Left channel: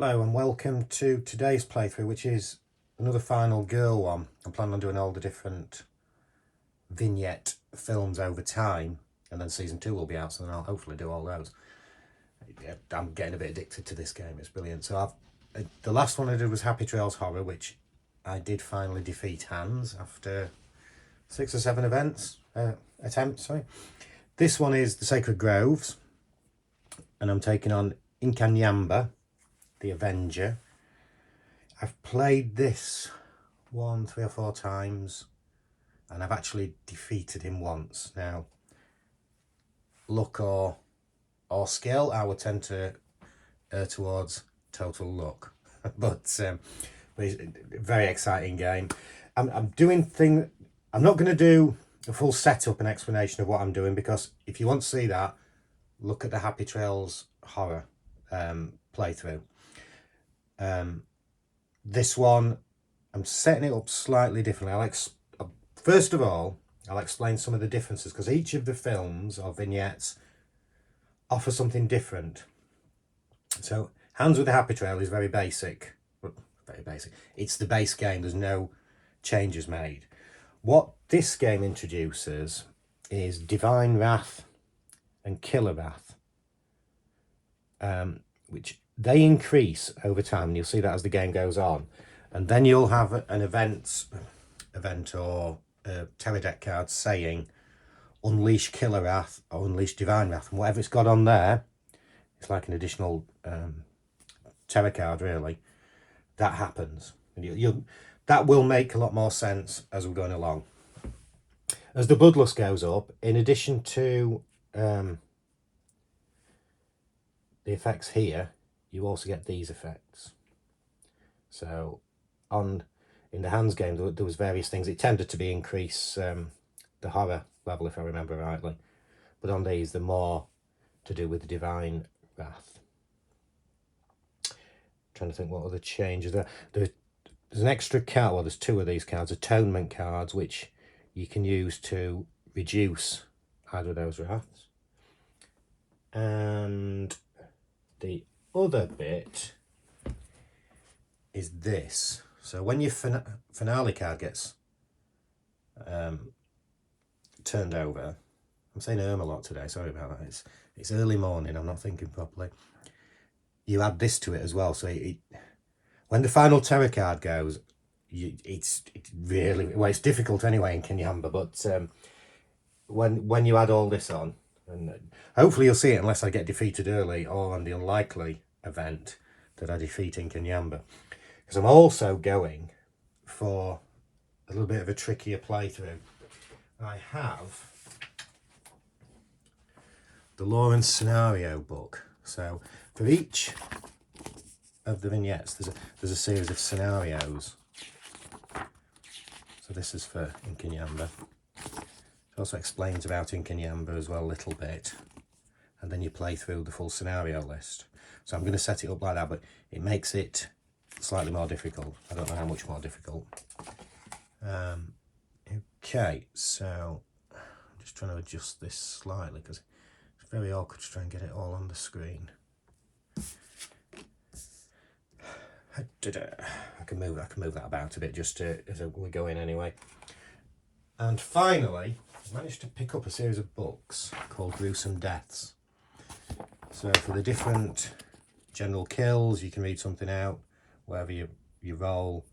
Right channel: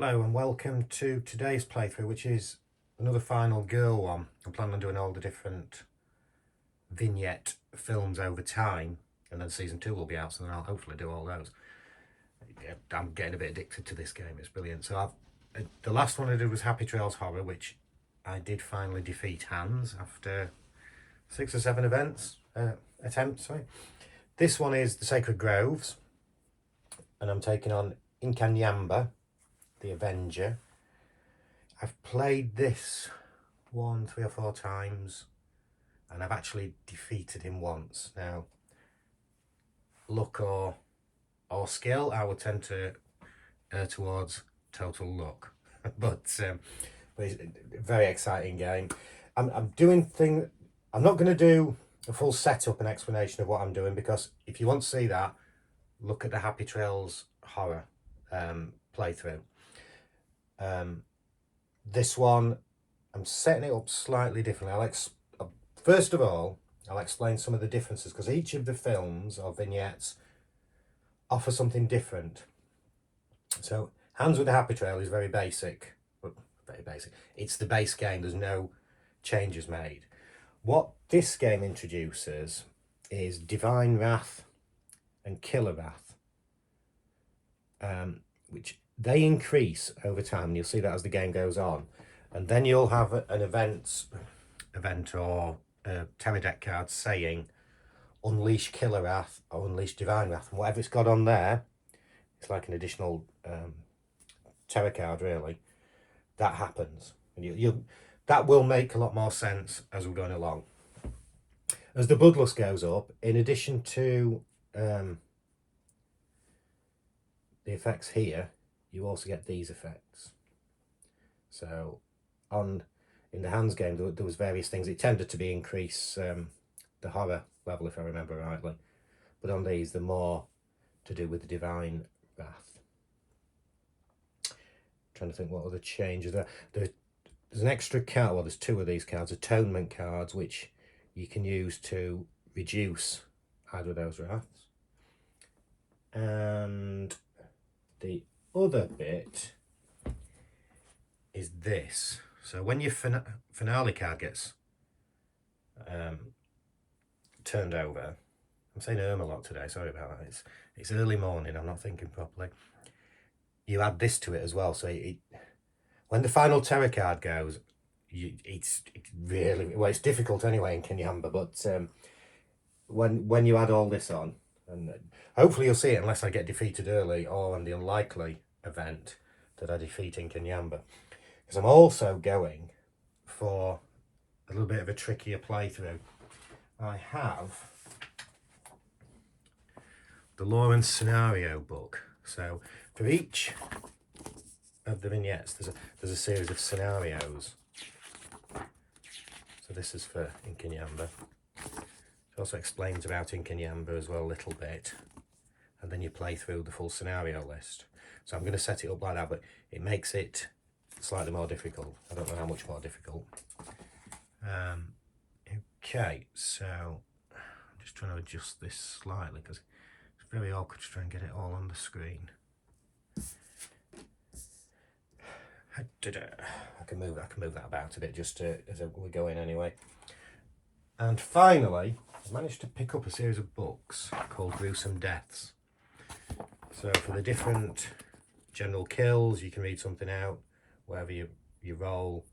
Hello and welcome to today's playthrough, which is another final girl one. I'm planning on doing all the different vignette films over time, and then season 2 will be out, so then I'll hopefully do all those. I'm getting a bit addicted to this game, it's brilliant. So the last one I did was Happy Trails Horror, which I did finally defeat Hans after 6 or 7 attempts. Sorry. This one is the Sacred Groves, and I'm taking on Inkanyamba, the Avenger. I've played this 1, 3 or 4 times, and I've actually defeated him once. Now, luck or skill, I would tend to err towards total luck. but it's a very exciting game. I'm not going to do a full setup and explanation of what I'm doing, because if you want to see that, look at the Happy Trails Horror playthrough. This one, I'm setting it up slightly differently. First of all, I'll explain some of the differences, because each of the films or vignettes offer something different. So Hands with the Happy Trail is very basic. It's the base game. There's no changes made. What this game introduces is Divine Wrath and Killer Wrath, which they increase over time, and you'll see that as the game goes on. And then you'll have an event or a terror deck card saying Unleash Killer Wrath or Unleash Divine Wrath, and whatever it's got on there, it's like an additional terror card, really. That happens, and that will make a lot more sense as we're going along. As the Bloodlust goes up, in addition to the effects here, you also get these effects. So in the Hands game, there was various things. It tended to be increase the horror level, if I remember rightly, but on these they're more to do with the Divine Wrath. Trying to think what other changes there. There's an extra card, well, there's 2 of these cards, atonement cards, which you can use to reduce either of those wraths. And the other bit is this. So when your finale card gets turned over, I'm saying a lot today, sorry about that, it's early morning, I'm not thinking properly. You add this to it as well, so when the final terror card goes, it's really, well, it's difficult anyway in Inkanyamba, but when you add all this on, and hopefully you'll see it unless I get defeated early, or on the unlikely event that I defeat Inkanyamba, because I'm also going for a little bit of a trickier playthrough. I have the Lawrence scenario book. So for each of the vignettes, there's a series of scenarios. So this is for Inkanyamba. It also explains about Inkanyamba as well a little bit, and then you play through the full scenario list. So I'm going to set it up like that, but it makes it slightly more difficult. I don't know how much more difficult. Okay, so I'm just trying to adjust this slightly, because it's very awkward to try and get it all on the screen. I can move that about a bit just as we go in anyway. And finally, I managed to pick up a series of books called Gruesome Deaths. So for the different general kills, you can read something out wherever you roll,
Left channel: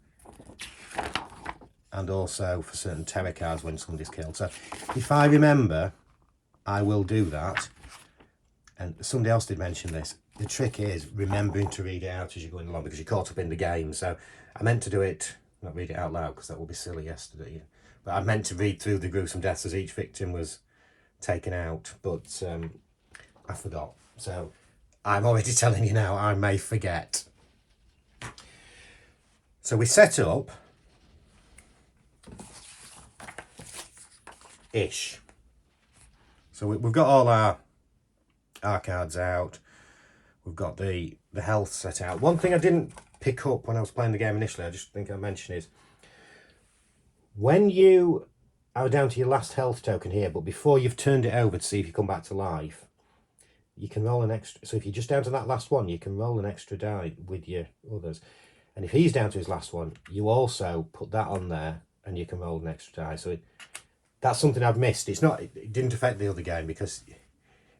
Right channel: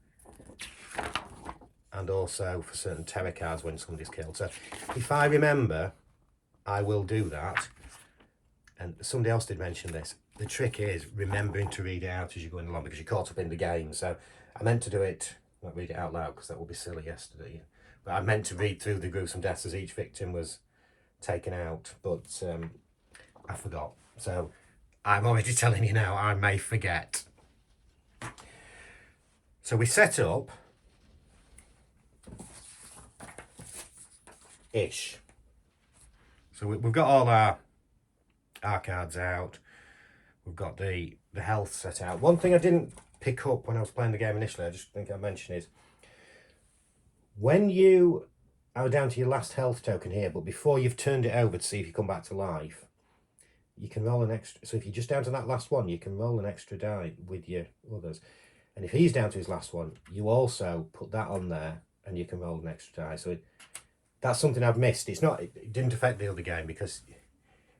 and also for certain terror cards when somebody's killed. So if I remember, I will do that. And somebody else did mention this. The trick is remembering to read it out as you're going along, because you're caught up in the game. So I meant to do it, not read it out loud, because that would be silly yesterday. But I meant to read through the gruesome deaths as each victim was taken out, but I forgot. So I'm already telling you now, I may forget. So we set up ish. So we've got all our cards out. We've got the health set out. One thing I didn't pick up when I was playing the game initially, I just think I mentioned, is when you are down to your last health token here, but before you've turned it over to see if you come back to life, you can roll an extra. So if you're just down to that last one, you can roll an extra die with your others. And if he's down to his last one, you also put that on there and you can roll an extra die. So that's something I've missed. It didn't affect the other game because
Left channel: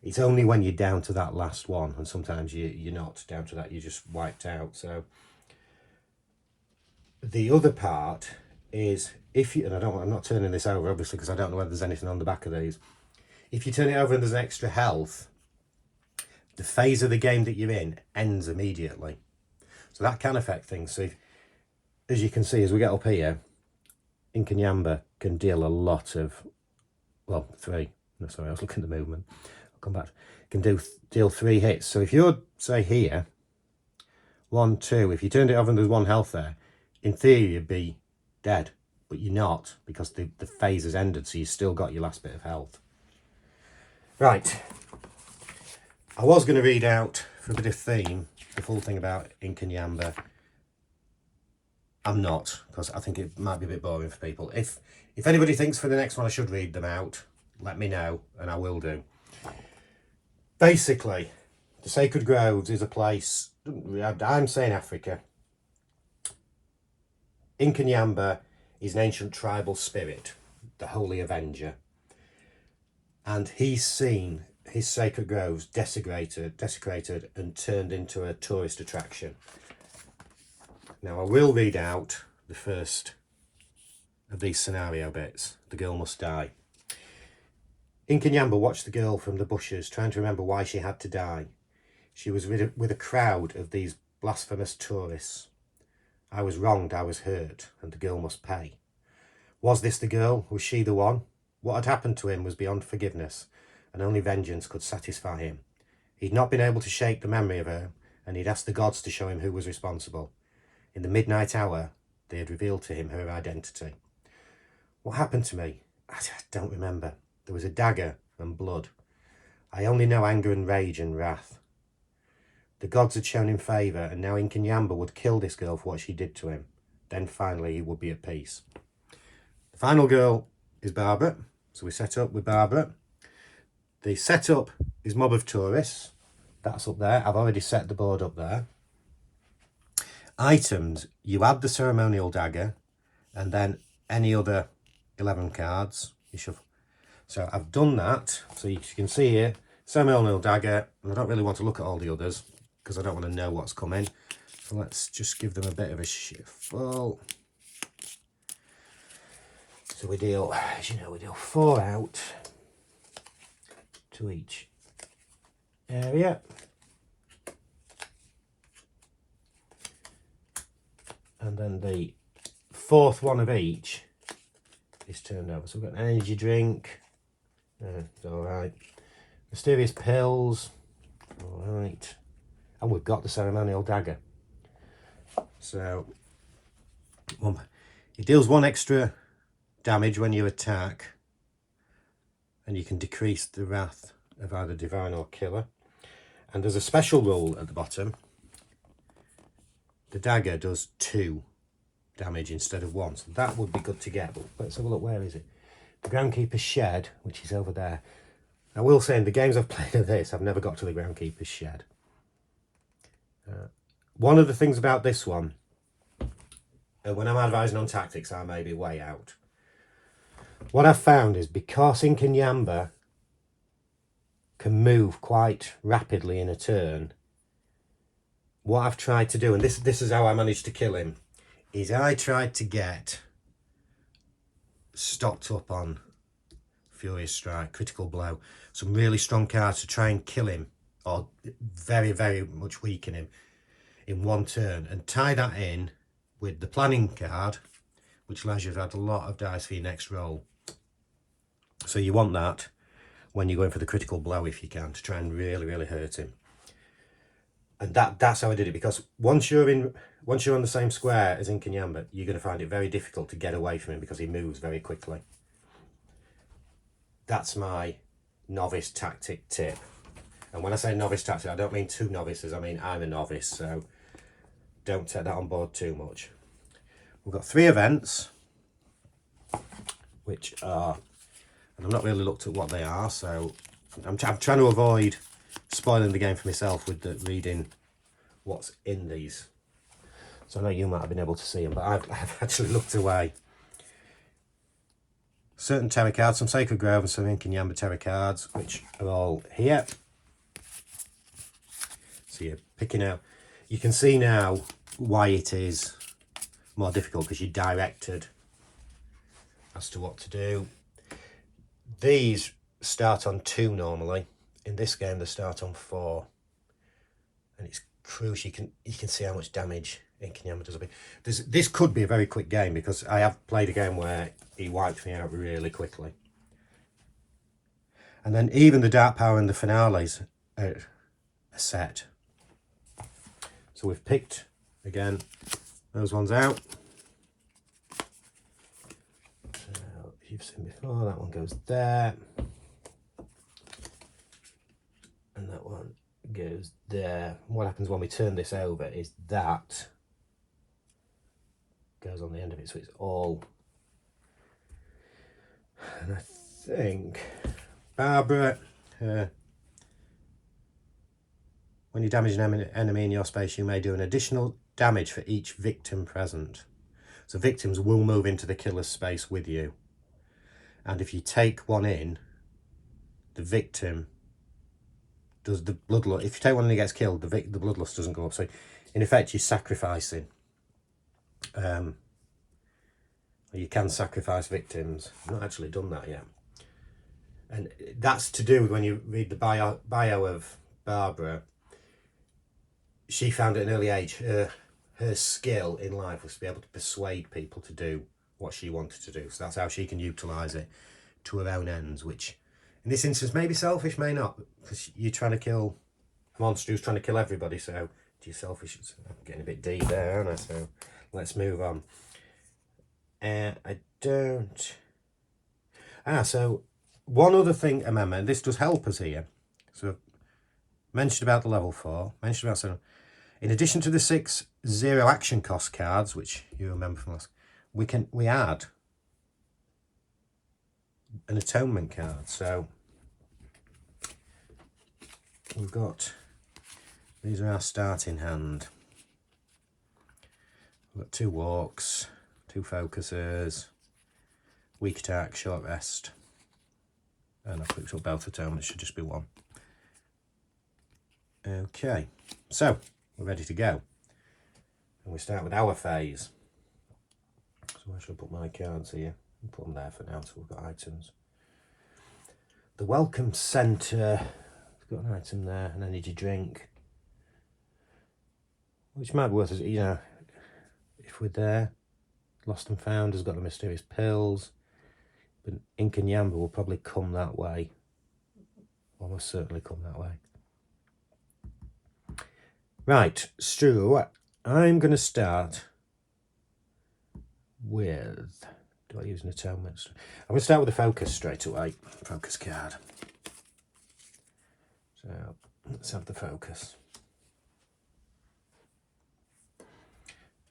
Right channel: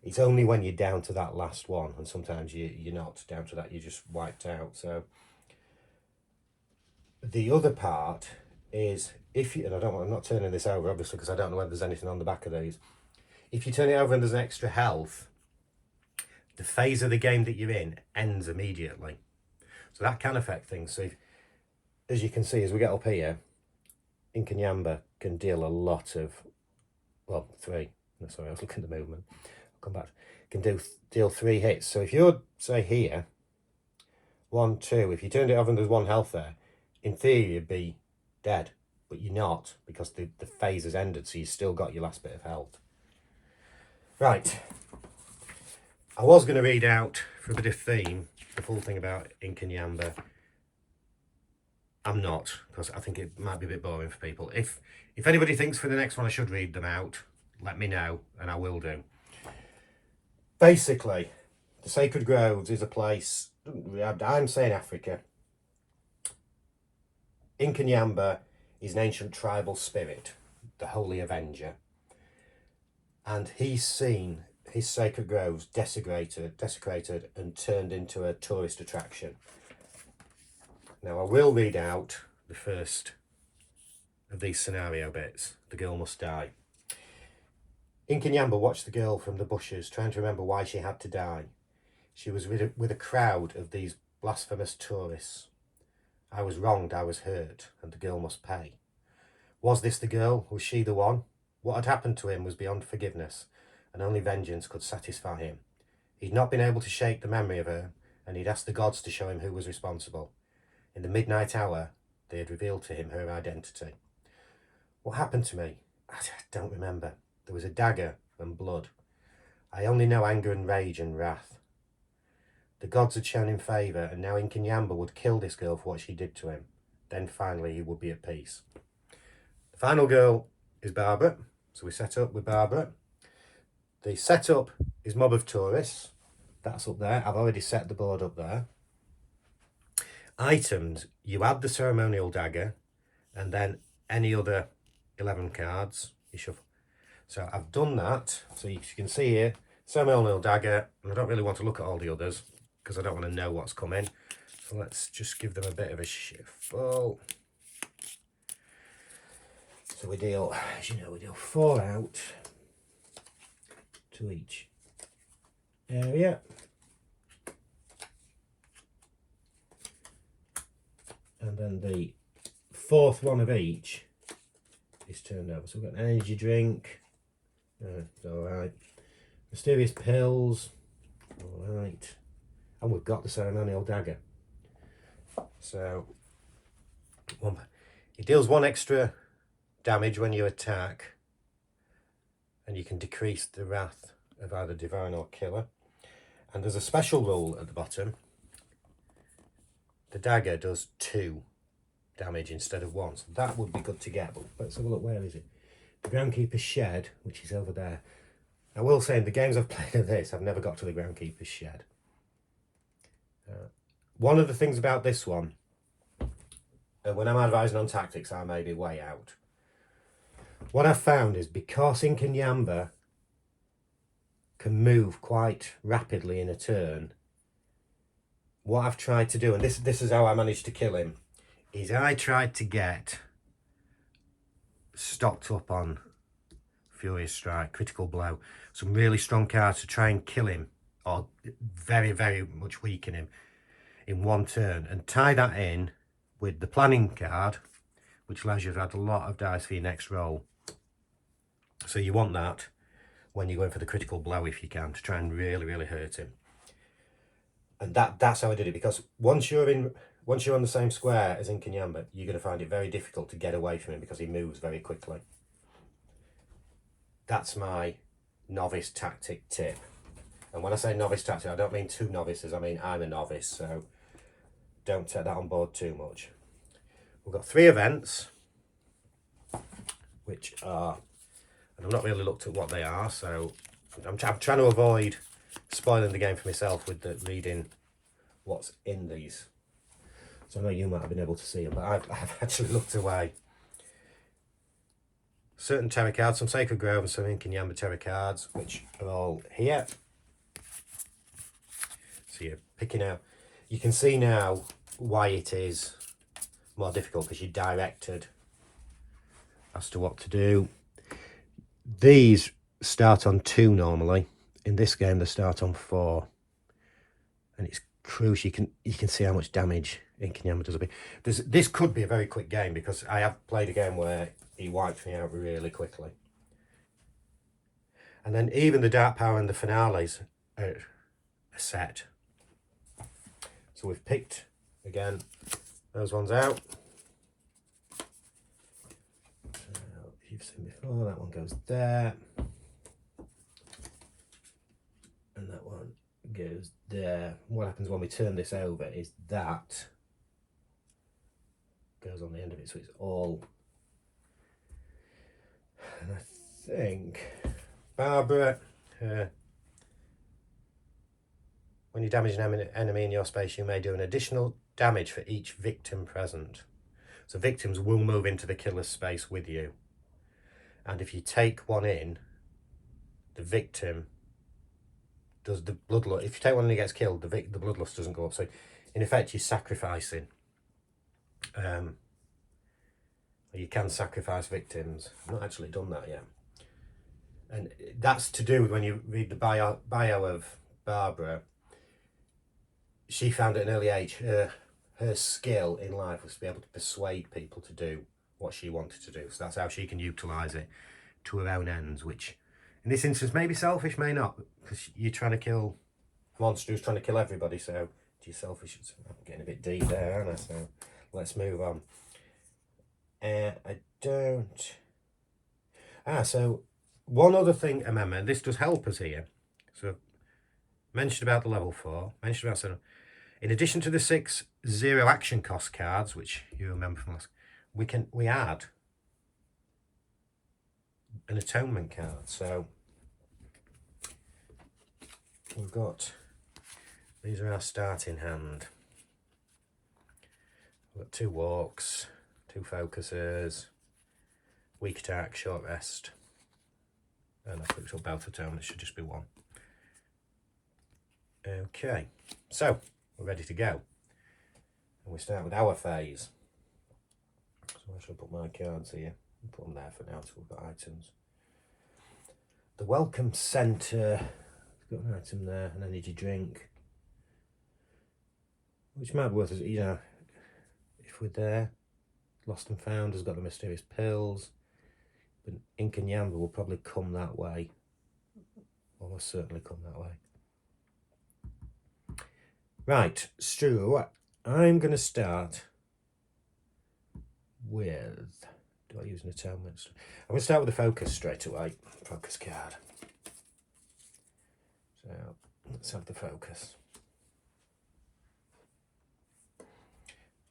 it's only when you're down to that last one, and sometimes you're not down to that, you're just wiped out. So the other part is, if you, and I'm not turning this over obviously because I don't know whether there's anything on the back of these. If you turn it over and there's extra health, the phase of the game that you're in ends immediately. So that can affect things. So as you can see, as we get up here, Inkanyamba can deal a lot of, well, 3. No, sorry, I was looking at the movement. I'll come back. Can deal 3 hits. So if you're, say, here, 1, 2, if you turned it over and there's 1 health there, in theory you'd be dead, but you're not because the phase has ended, so you've still got your last bit of health. Right. I was going to read out, for a bit of theme, the full thing about Inkanyamba. I'm not, because I think it might be a bit boring for people. If anybody thinks for the next one I should read them out, let me know, and I will do. Basically, the Sacred Groves is a place, I'm saying Africa. Inkanyamba is an ancient tribal spirit, the Holy Avenger. And he's seen his sacred groves desecrated and turned into a tourist attraction. Now I will read out the first of these scenario bits. The girl must die. Inkanyamba watched the girl from the bushes, trying to remember why she had to die. She was with a crowd of these blasphemous tourists. I was wronged, I was hurt, and the girl must pay. Was this the girl? Was she the one? What had happened to him was beyond forgiveness, and only vengeance could satisfy him. He'd not been able to shake the memory of her, and he'd asked the gods to show him who was responsible. In the midnight hour, they had revealed to him her identity. What happened to me? I don't remember. There was a dagger and blood. I only know anger and rage and wrath. The gods had shown him favour, and now Inkanyamba would kill this girl for what she did to him. Then finally he would be at peace. The final girl is Barbara. So we set up with Barbara. The setup is mob of tourists. That's up there. I've already set the board up there. Items, you add the ceremonial dagger and then any other 11 cards you shuffle. So I've done that. So you can see here, ceremonial dagger, and I don't really want to look at all the others because I don't want to know what's coming. So let's just give them a bit of a shuffle. So we deal, as you know, we deal 4 out to each area. And then the 4th one of each is turned over. So we've got an energy drink. It's alright. Mysterious pills. Alright. And we've got the ceremonial dagger. So it deals 1 extra damage when you attack, and you can decrease the wrath of either divine or killer. And there's a special rule at the bottom. The dagger does 2 damage instead of 1, so that would be good to get. But let's have a look, where is it? The Groundkeeper's Shed, which is over there. I will say, in the games I've played of this, I've never got to the Groundkeeper's Shed. One of the things about this one, when I'm advising on tactics, I may be way out. What I've found is, because Inkanyamba can move quite rapidly in a turn, what I've tried to do, and this is how I managed to kill him, is I tried to get stocked up on Furious Strike, Critical Blow, some really strong cards to try and kill him, or very, very much weaken him in 1 turn, and tie that in with the planning card, which allows you to add a lot of dice for your next roll. So you want that when you're going for the critical blow, if you can, to try and really, really hurt him. And that's how I did it, because once you're on the same square as Inkanyamba, you're going to find it very difficult to get away from him because he moves very quickly. That's my novice tactic tip. And when I say novice tactic, I don't mean 2 novices, I mean I'm a novice, so don't take that on board too much. We've got 3 events, which are, and I've not really looked at what they are, so I'm trying to avoid spoiling the game for myself with the reading what's in these. So I know you might have been able to see them, but I've actually looked away. Certain tarot cards, some Sacred Grove and some Inkanyamba tarot cards, which are all here. So you're picking out. You can see now why it is more difficult, because you're directed as to what to do. These start on 2 normally. In this game they start on 4, and it's crucial. You can see how much damage Inkanyamba does a bit. This could be a very quick game, because I have played a game where he wiped me out really quickly. And then even the Dark Power and the finales are set. So we've picked again those ones out. So you've seen before, that one goes there, and that one goes there. What happens when we turn this over is that goes on the end of it, so it's all. And I think Barbara, when you damage an enemy in your space, you may do an additional damage for each victim present. So victims will move into the killer's space with you, and if you take one in, the victim does the bloodlust. If you take one and he gets killed, the bloodlust doesn't go up. So in effect, you're sacrificing. You can sacrifice victims. I've not actually done that yet. And that's to do with, when you read the bio of Barbara, she found at an early age her skill in life was to be able to persuade people to do what she wanted to do. So that's how she can utilise it to her own ends, which in this instance may be selfish, may not, because you're trying to kill a monster who's trying to kill everybody. So you're selfish. I'm getting a bit deep there, aren't I? So let's move on. I don't. So one other thing, remember, this does help us here. So I've mentioned about the level 4, mentioned about 7. In addition to the 6 0 action cost cards, which you remember from last, we add an atonement card. So we've got, these are our starting hand. We've got 2 walks, 2 focusers, weak attack, short rest, and I've picked up both atonements, should just be 1. Okay, so we're ready to go. And we start with our phase. So I shall put my cards here and put them there for now, so we've got items. The Welcome Centre, it's got an item there, an energy drink, which might be worth it, you know, if we're there. Lost and Found has got the mysterious pills, but Inkanyamba will probably come that way. Almost certainly come that way. Right, Stu, I'm going to start with, do I use an atonement? I'm going to start with the focus straight away. Focus card. So let's have the focus.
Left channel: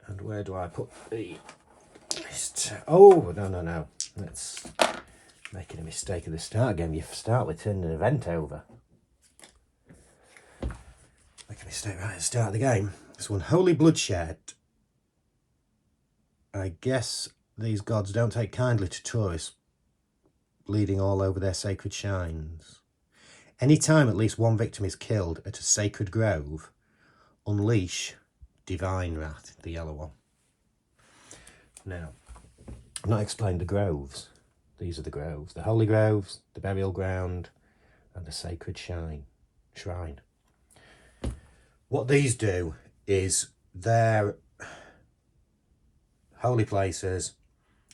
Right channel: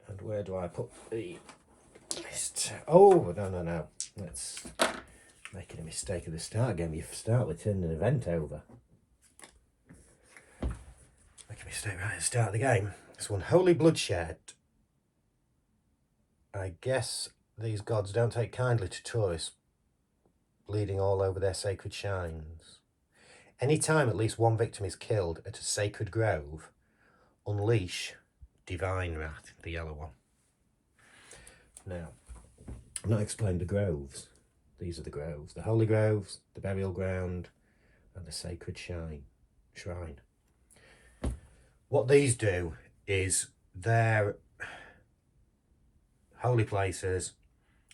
And where do I put the list? Oh, no. Let's making a mistake at the start game. You start with turning an event over. Make a mistake right at the start of the game. This one, Holy Bloodshed. I guess these gods don't take kindly to tourists bleeding all over their sacred shrines. Anytime at least one victim is killed at a sacred grove, unleash Divine Wrath, the yellow one. Now, I've not explained the groves. These are the groves. The holy groves, the burial ground, and the sacred shrine. What these do is they're holy places,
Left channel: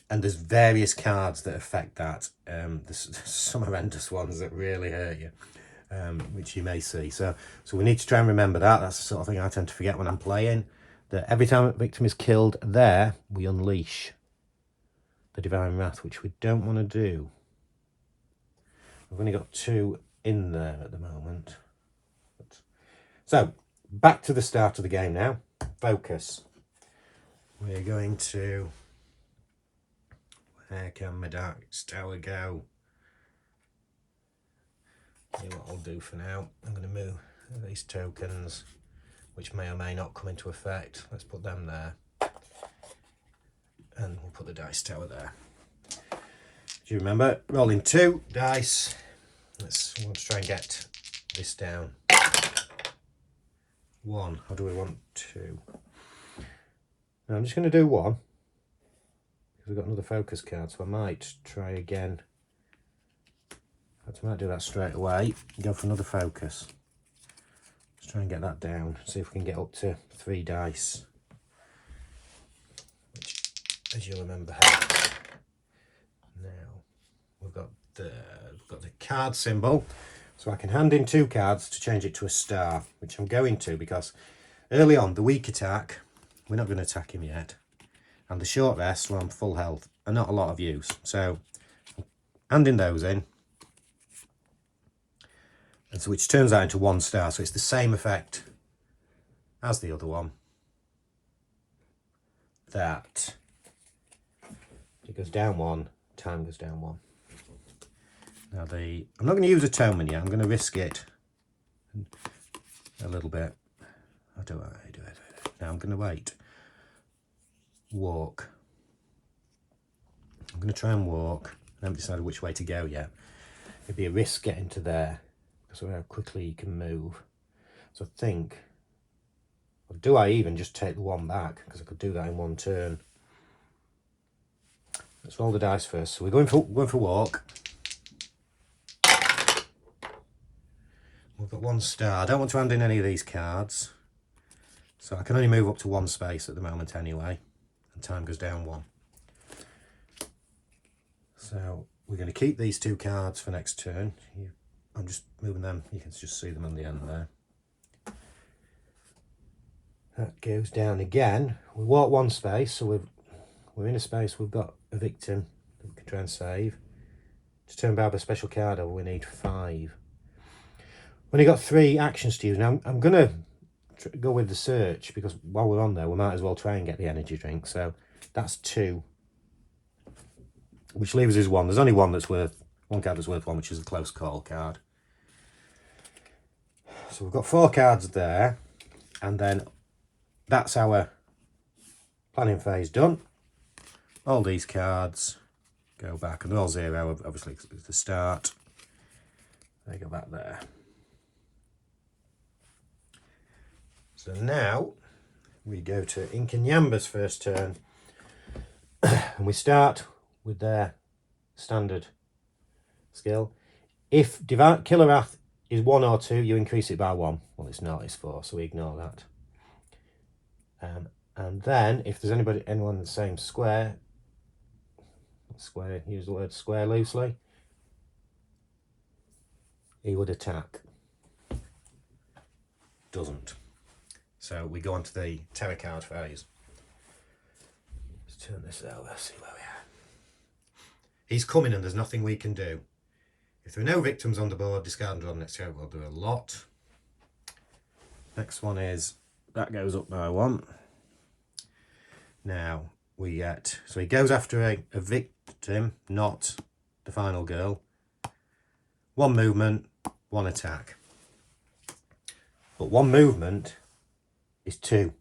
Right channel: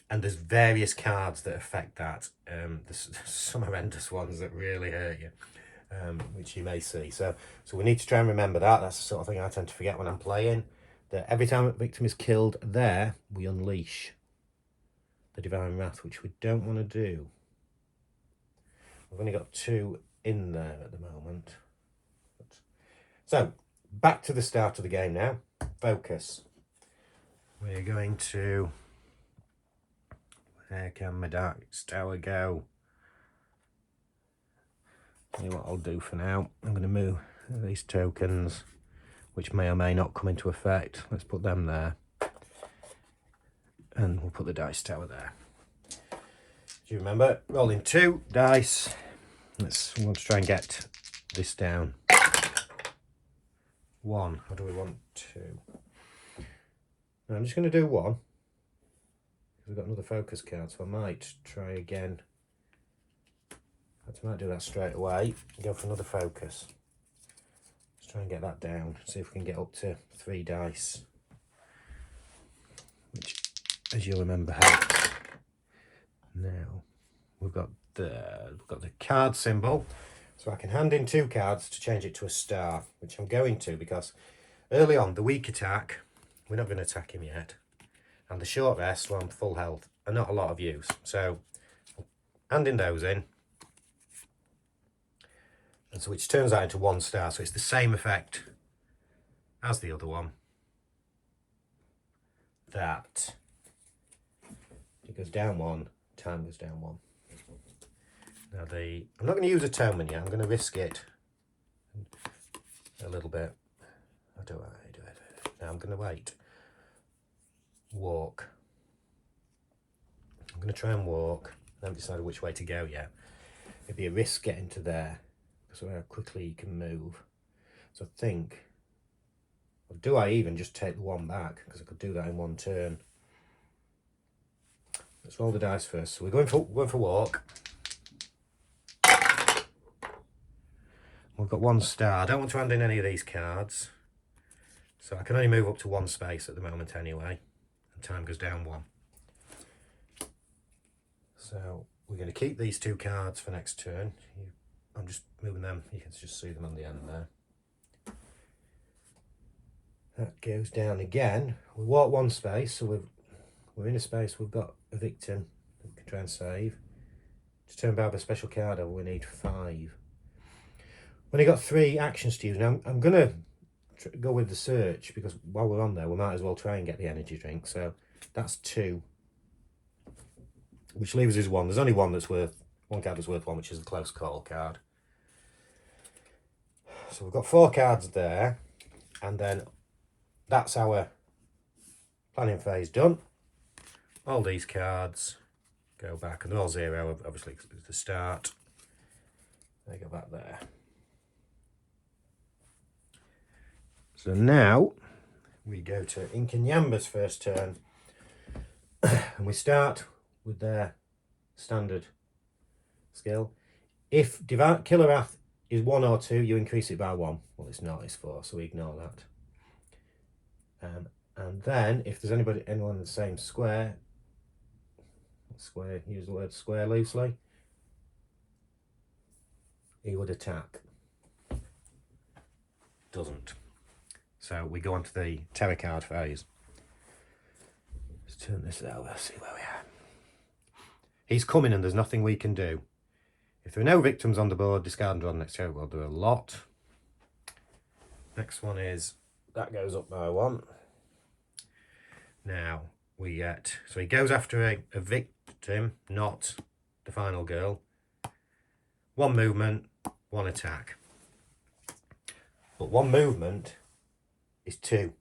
and there's various cards that affect that. There's some horrendous ones that really hurt you, which you may see. So we need to try and remember that. That's the sort of thing I tend to forget when I'm playing. That every time a victim is killed there, we unleash the Divine Wrath, which we don't want to do. We've only got 2 in there at the moment. So, back to the start of the game now. Focus. We're going to... Where can my Dark Tower go? what I'll do for now, I'm going to move these tokens, which may or may not come into effect. Let's put them there. And we'll put the dice tower there. Do you remember? Rolling 2 dice. We want to try and get this down. 1. Or do we want 2? Now I'm just going to do 1. Because we've got another focus card, so I might try again. I might do that straight away. Go for another focus. Let's try and get that down. See if we can get up to 3 dice. Which, as you'll remember, helps. Now we've got the card symbol, so I can hand in 2 cards to change it to a star, which I'm going to, because early on the weak attack, we're not going to attack him yet, and the short rest, well, I'm full health, and not a lot of use. So handing those in, and so which turns out into 1 star, so it's the same effect as the other one. That it goes down 1, time goes down 1. Now I'm not going to use atonement yet. I'm going to risk it a little bit. How do I do it? Now I'm going to wait. Walk. I'm going to try and walk. I haven't decided which way to go yet. It'd be a risk getting to there because of how quickly you can move. So I think, or do I even just take the 1 back? Because I could do that in 1 turn. Let's roll the dice first. So we're going for walk. We've got 1 star. I don't want to hand in any of these cards, so I can only move up to 1 space at the moment anyway, and time goes down 1. So we're going to keep these 2 cards for next turn. I'm just moving them. You can just see them on the end there. That goes down again. We walk 1 space, so we're in a space. We've got a victim that we can try and save. To turn Barber special card over, we need 5. When you've got 3 actions to use, now I'm going to go with the search, because while we're on there, we might as well try and get the energy drink. So that's 2, which leaves us 1. There's only one card that's worth 1, which is a close call card. So we've got 4 cards there, and then that's our planning phase done. All these cards go back, and they're all 0, obviously, because it's the start. They go back there. So now we go to Inkanyamba's first turn, and we start with their standard skill. If Divine Killer Wrath is 1 or 2, you increase it by 1. Well, it's not, it's 4, so we ignore that. And then if there's anyone in the same square, use the word square loosely, he would attack. Doesn't. So we go on to the terror card phase. Let's turn this over, see where we are. He's coming and there's nothing we can do. If there are no victims on the board, discard and draw the next terror. Well, there are a lot. Next one is, that goes up by 1. Now we get, so he goes after a victim, not the final girl. 1 movement, 1 attack. But 1 movement is 2.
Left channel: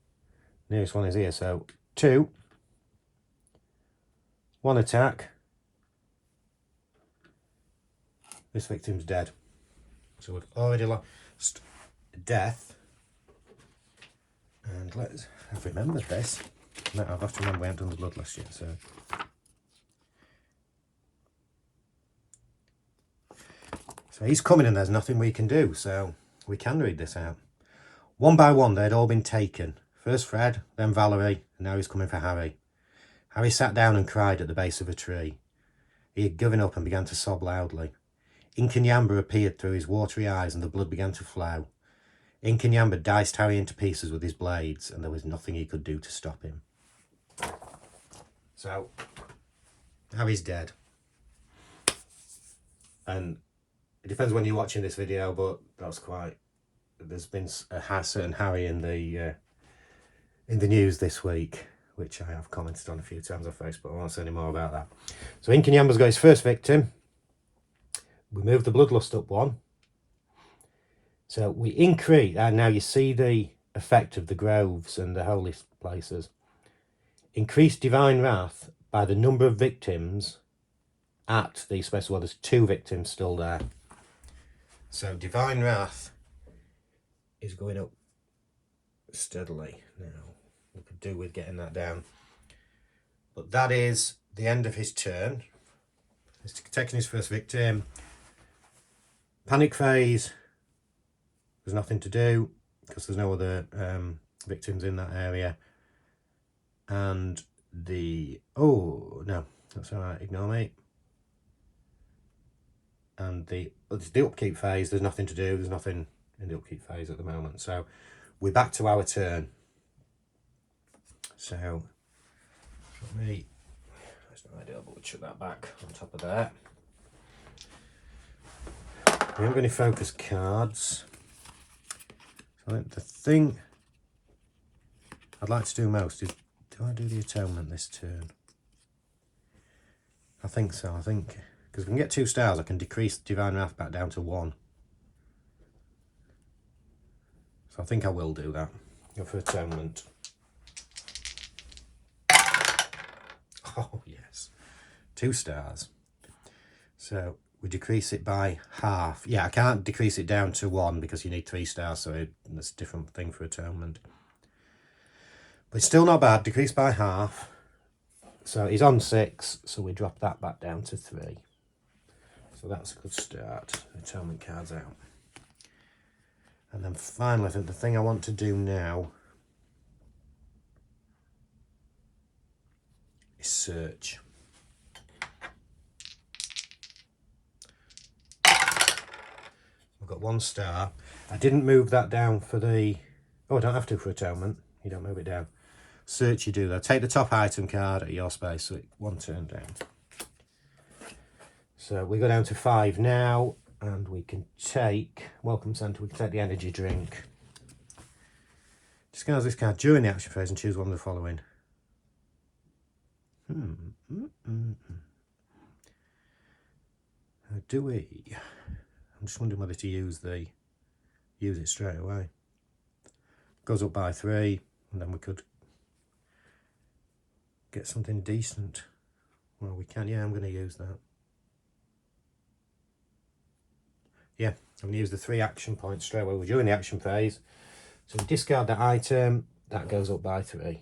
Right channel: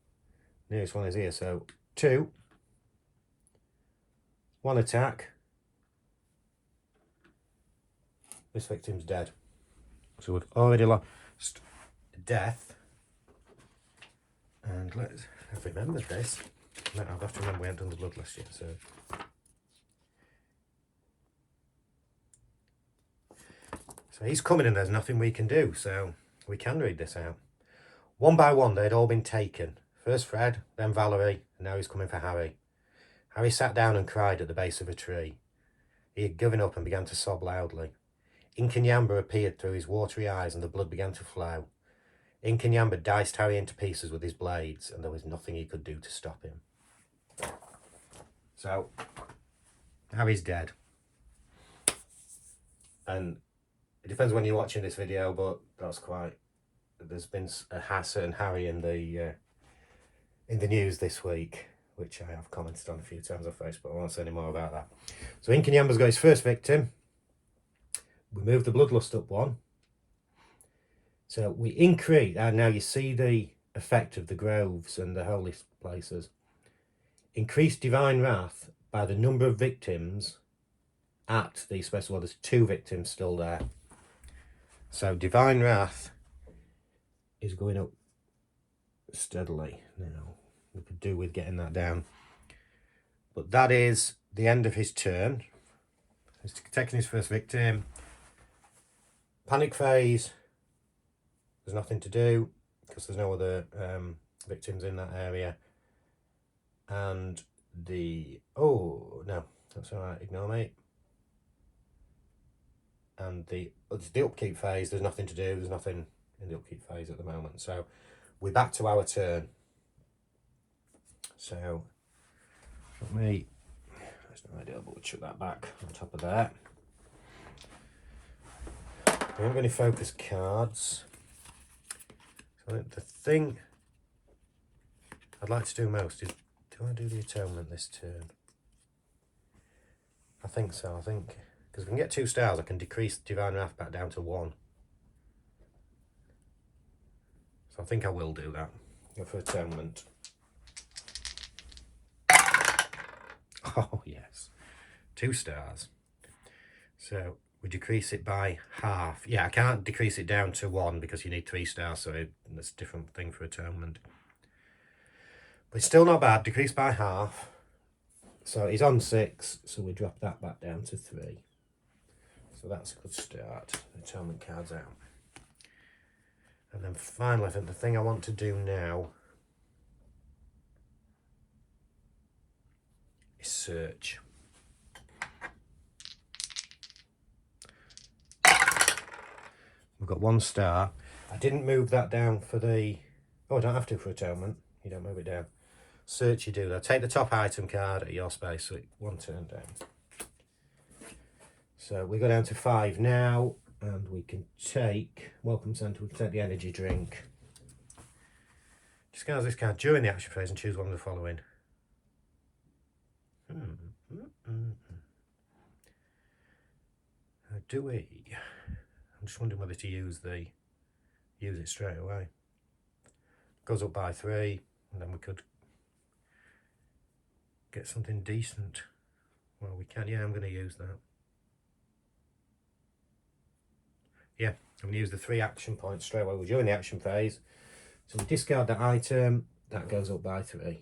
Nearest one is here, so 2, 1 attack. This victim's dead. So we've already lost death. And I've remembered this. No, I've got to remember we haven't done the bloodlust yet, so. So he's coming and there's nothing we can do, so we can read this out. 1 by 1, they'd all been taken. First Fred, then Valerie, and now he's coming for Harry. Harry sat down and cried at the base of a tree. He had given up and began to sob loudly. Inkanyamba appeared through his watery eyes and the blood began to flow. Inkanyamba diced Harry into pieces with his blades, and there was nothing he could do to stop him. So, Harry's dead. And it depends when you're watching this video, but that's quite... There's been a certain Harry in the news this week, which I have commented on a few times on Facebook. I won't say any more about that. So Inkanyamba's got his first victim. We move the bloodlust up 1. So we increase, and now you see the effect of the groves and the holy places. Increase divine wrath by the number of victims at the special. Well, there's 2 victims still there. So divine wrath is going up steadily now. We could do with getting that down. But that is the end of his turn. He's taking his first victim. Panic phase. There's nothing to do because there's no other victims in that area. And the... oh, no, that's all right, ignore me. And the upkeep phase, there's nothing to do. There's nothing in the upkeep phase at the moment. So we're back to our turn. So, let me... there's no idea, but we'll chuck that back on top of there. We haven't got any focus cards. So I think the thing I'd like to do most is, do I do the atonement this turn? I think so, I think. Because if we can get 2 stars, I can decrease Divine Wrath back down to 1. So I think I will do that. Go for atonement. Oh, yes. 2 stars. So we decrease it by half. Yeah, I can't decrease it down to 1 because you need 3 stars, so that's a different thing for atonement. But it's still not bad. Decrease by half. So he's on 6, so we drop that back down to 3. So that's a good start. Atonement cards out. And then finally, I think the thing I want to do now is search. We've got 1 star. I didn't move that down for the... oh, I don't have to for atonement. You don't move it down. Search you do though. Take the top item card at your space, so it's 1 turn down. So we go down to 5 now, and we can take... welcome centre, we can take the energy drink. Discard this card during the action phase and choose one of the following. How do we? I'm just wondering whether to use it straight away. Goes up by 3, and then we could get something decent. Well, we can. Yeah, I'm going to use that. Yeah, I'm going to use the 3 action points straight away. We're during the action phase. So we discard that item, that goes up by 3.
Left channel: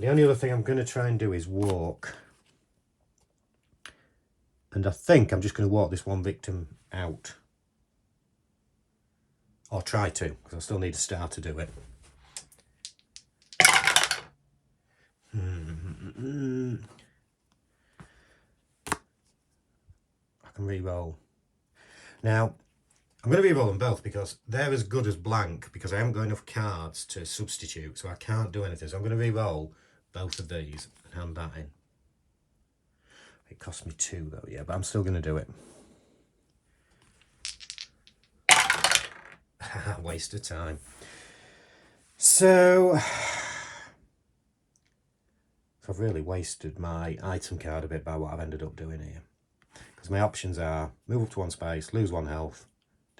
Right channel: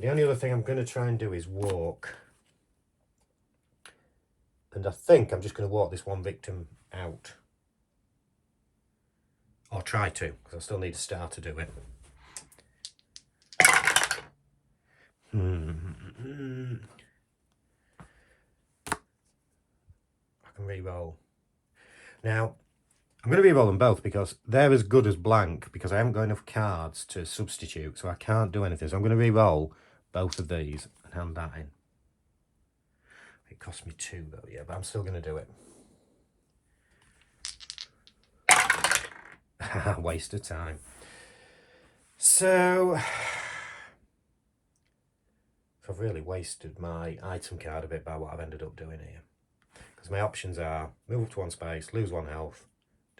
The only other thing I'm going to try and do is walk. And I think I'm just going to walk this 1 victim out. Or try to, because I still need a star to do it. I can re-roll. Now, I'm going to re-roll them both because they're as good as blank because I haven't got enough cards to substitute, so I can't do anything. So I'm going to re-roll both of these and hand that in. It cost me 2 though, yeah, but I'm still going to do it. Waste of time. So I've really wasted my item card a bit by what I've ended up doing here. Because my options are move up to 1 space, lose 1 health,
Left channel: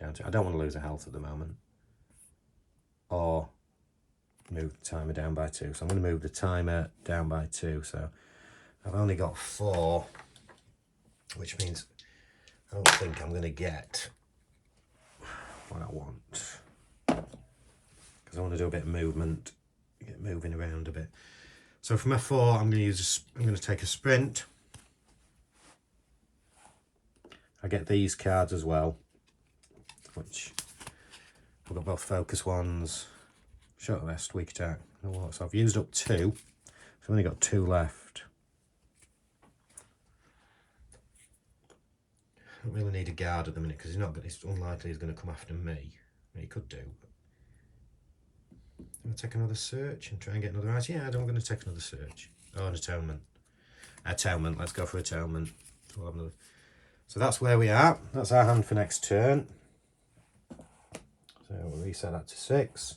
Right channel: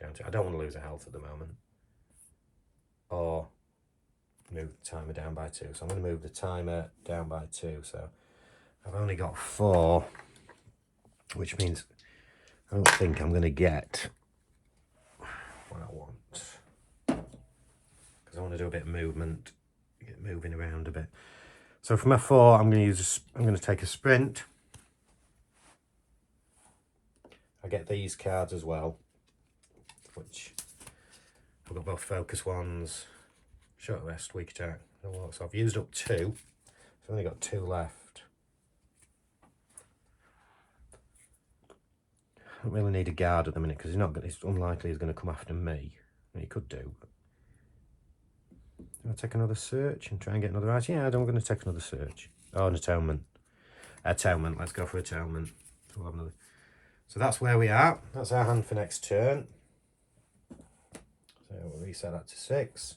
down to... I don't want to lose a health at the moment. Or move the timer down by 2. So I'm going to move the timer down by 2. So I've only got 4, which means I don't think I'm going to get what I want. Because I want to do a bit of movement, get moving around a bit. So for my 4, I'm going to take a sprint. I get these cards as well, which I've got both focus ones, short rest, weak attack. So I've used up 2. I've only got 2 left. I don't really need a guard at the minute because it's unlikely he's going to come after me. I mean, he could do. I'm going to take another search and try and get another item. Yeah, I'm going to take another search. Oh, an atonement. Atonement. Let's go for atonement. So we'll have another. So that's where we are. That's our hand for next turn. So we'll reset that to 6.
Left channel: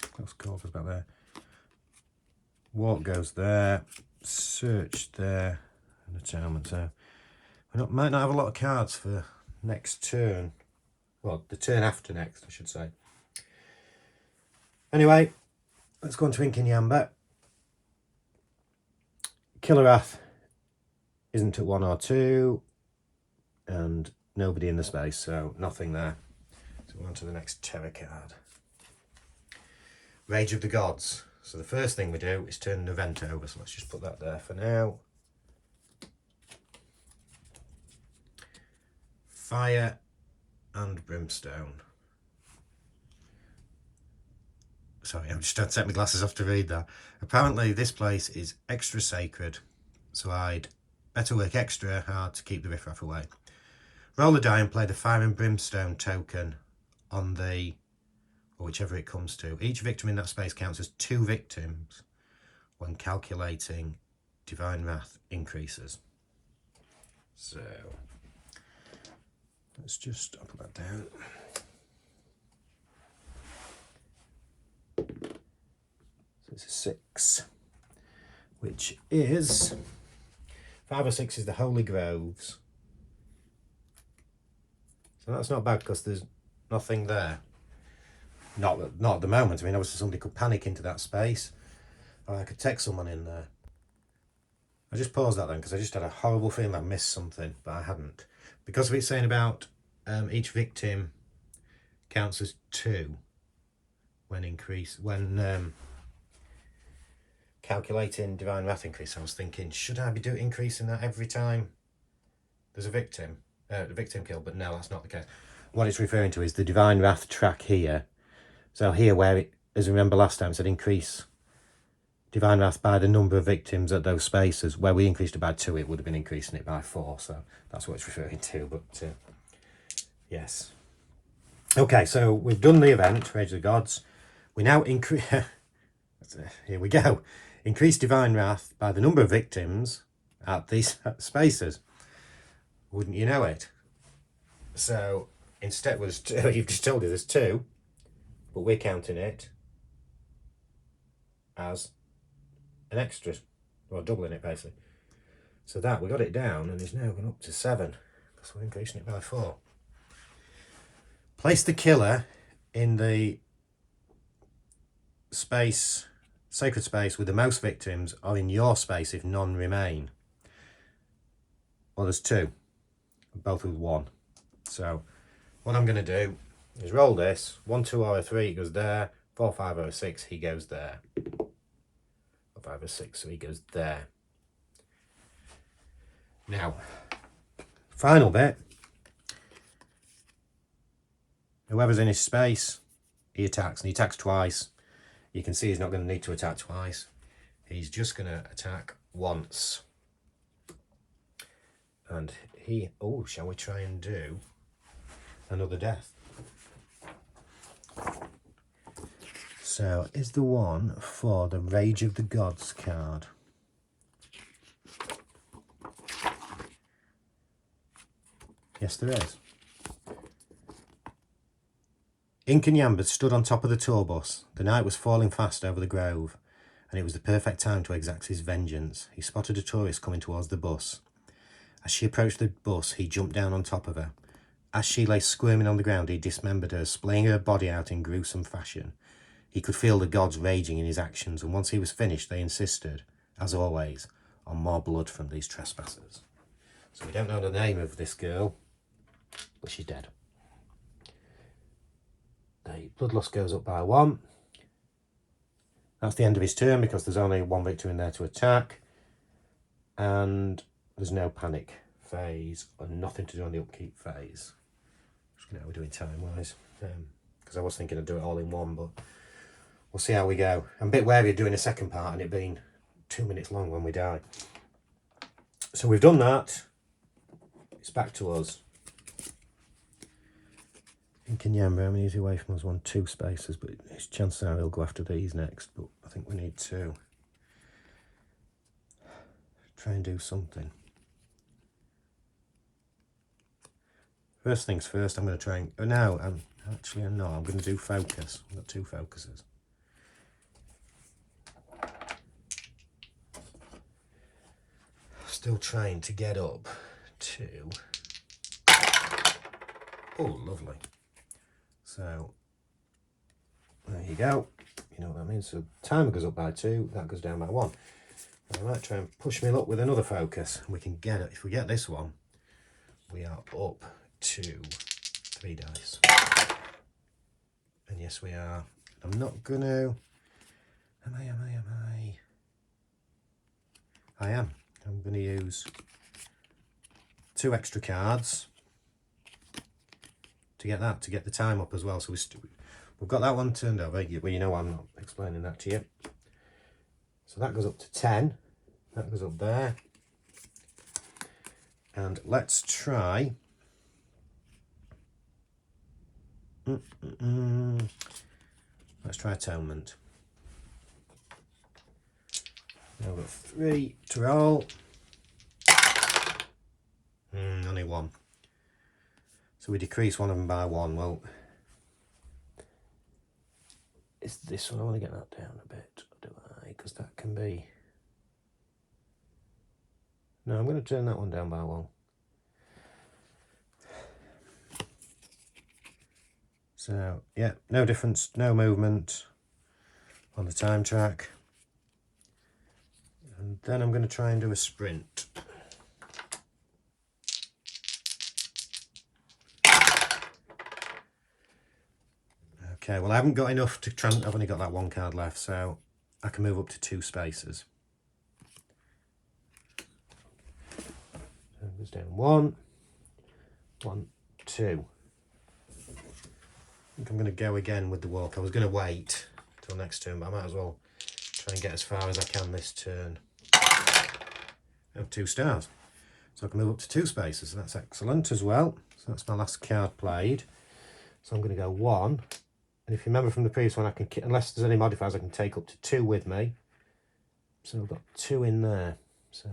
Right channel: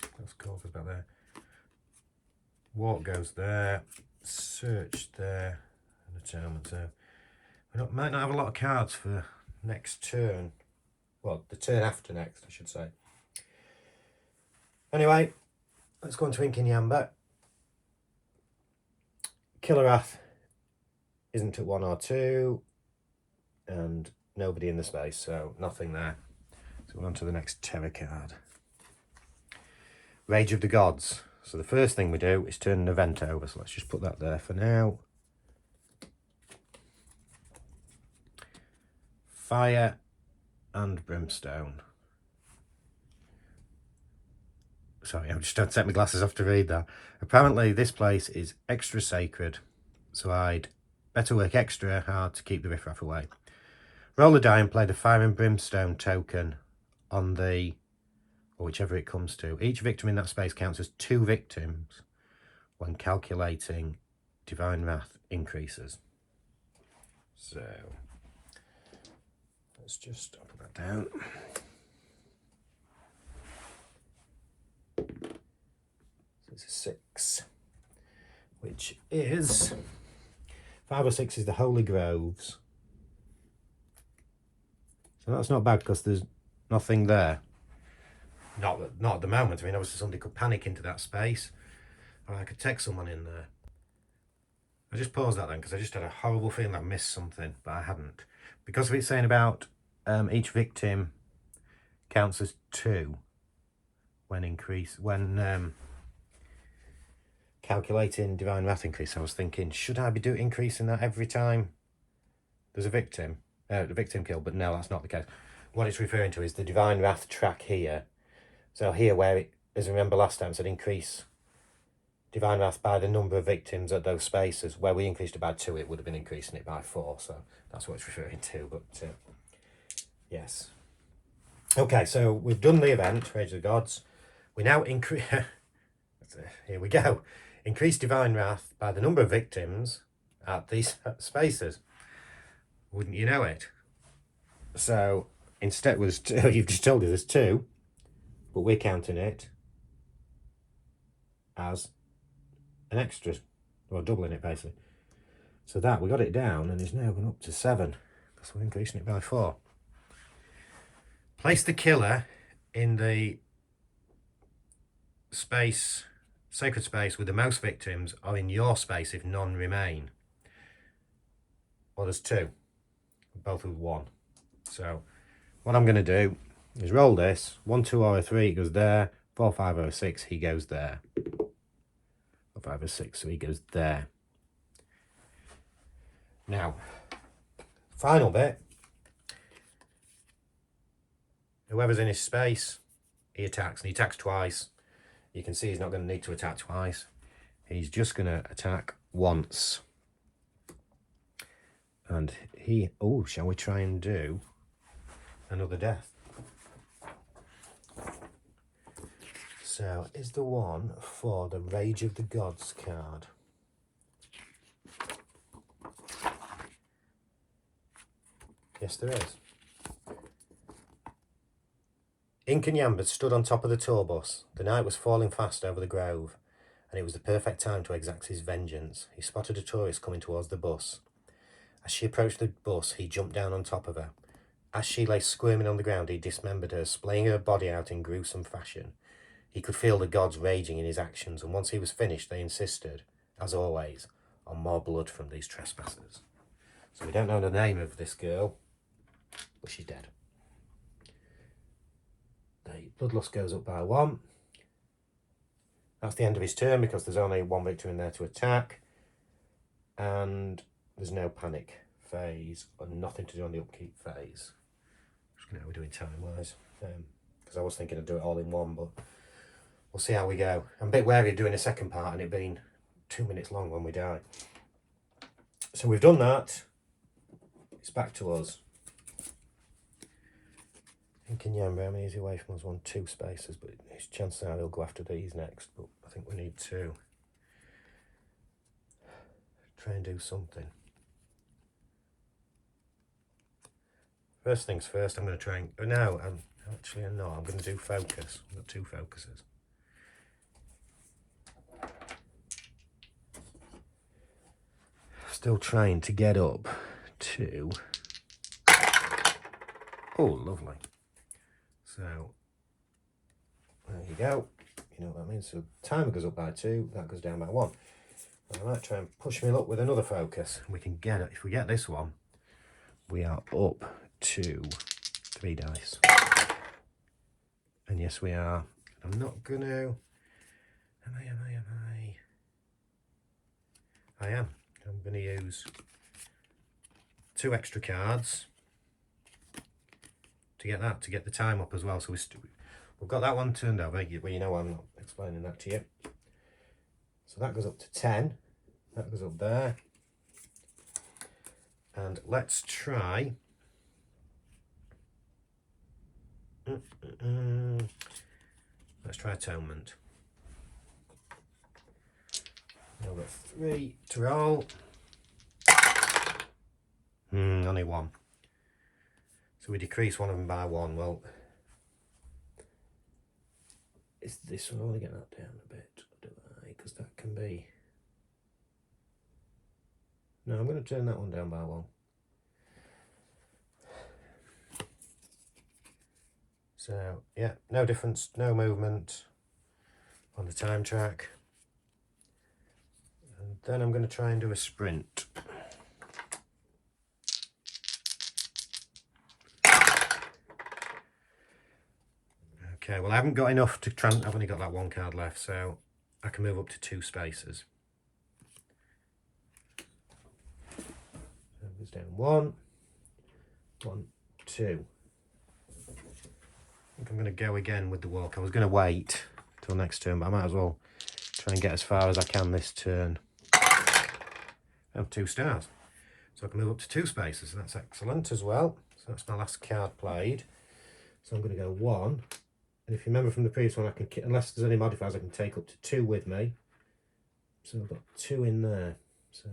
Close quarters back there. Walk goes there. Search there. And atonement. So we might not have a lot of cards for next turn. Well, the turn after next, I should say. Anyway, let's go on to Inkanyamba. Killerath isn't at 1 or 2, and nobody in the space, so nothing there. So we're on to the next terror card. Rage of the Gods. So the first thing we do is turn an event over, so let's just put that there for now. Fire and Brimstone. Sorry, I'm just trying to take my glasses off to read that. Apparently this place is extra sacred, so I'd better work extra hard to keep the riffraff away. Roll a die and play the Fire and Brimstone token on the, or whichever it comes to. Each victim in that space counts as 2 victims when calculating Divine Wrath increases. So let's just put that down. So it's a 6, which is 5 or 6 is the Holy Groves. So that's not bad because there's nothing there. Not at the moment. I mean, obviously somebody could panic into that space, or I could take someone in there. I just paused that then because I just had a horrible feeling I missed something, but I hadn't. Because of it saying about each victim counts as 2 when calculating Divine Wrath increase. I was thinking, should I be increasing that every time there's a victim, the victim killed? But no, that's not the case. What it's referring to is the Divine Wrath track here. So here, where it, as you remember last time, it said increase Divine Wrath by the number of victims at those spaces. Where we increased it by 2, it would have been increasing it by 4. So that's what it's referring to. But yes. Okay, so we've done the event, Rage of the Gods. We now increase. Here we go. Increase Divine Wrath by the number of victims at these spaces. Wouldn't you know it? So instead, you've just told us there's 2, but we're counting it as an extra, or doubling it basically. So that we got it down, and it's now gone up to 7. So we're increasing it by 4. Place the killer in the space, sacred space with the most victims, or in your space if none remain. Well, there's 2, both with 1. So what I'm going to do is roll this. 1, 2 or a 3, it goes there. 4, 5 or a 6, he goes there. 4, 5 or 6, so he goes there. Now, final bit. Whoever's in his space, he attacks, and he attacks twice. You can see he's not going to need to attack twice. He's just going to attack once. And he, oh, shall we try and do another death? So, is the one for the Rage of the Gods card. Yes, there is. Inkanyamba stood on top of the tour bus. The night was falling fast over the grove, and it was the perfect time to exact his vengeance. He spotted a tourist coming towards the bus. As she approached the bus, he jumped down on top of her. As she lay squirming on the ground, he dismembered her, splaying her body out in gruesome fashion. He could feel the gods raging in his actions, and once he was finished, they insisted, as always, on more blood from these trespassers. So we don't know the name of this girl, but she's dead. The bloodlust goes up by 1. That's the end of his turn because there's only 1 victim in there to attack. And there's no panic phase or nothing to do on the upkeep phase. Just know how we're doing time-wise. Because I was thinking I'd do it all in one, but we'll see how we go. I'm a bit wary of doing a second part and it being 2 minutes long when we die. So we've done that. It's back to us. Inkanyamba, how many is he away from us? 1, 2 spaces, but his chances are he'll go after these next. But I think we need to try and do something. First things first, I'm going to try and... I'm going to do focus. I've got 2 focuses. Still trying to get up to Oh, lovely. So there you go. You know what that means. So timer goes up by 2, that goes down by 1. I might try and push my luck with another focus. We can get it. If we get this one, we are up to 3 dice. And yes, we are. I'm not gonna. Am I? I am. I'm gonna use 2 extra cards to get that, to get the time up as well. So we've got that one turned over. Well, you know I'm not explaining that to you. So that goes up to 10. That goes up there. And let's try. Let's try Atonement. Now we've got 3 to roll. Only 1. So we decrease one of them by 1. Well, is this one? I want to get that down a bit, do I? Because that can be. No, I'm going to turn that one down by 1. So, yeah, no difference, no movement on the time track. And then I'm going to try and do a sprint. Okay, well I haven't got enough to I've only got that 1 card left, so I can move up to 2 spaces. So it goes down 1, 1, 2. I think I'm going to go again with the walk. I was going to wait till next turn, but I might as well try and get as far as I can this turn. I have 2 stars. So I can move up to 2 spaces, so that's excellent as well. So that's my last card played. So I'm going to go 1. And if you remember from the previous one, I can, unless there's any modifiers, I can take up to 2 with me. So I've got 2 in there. So,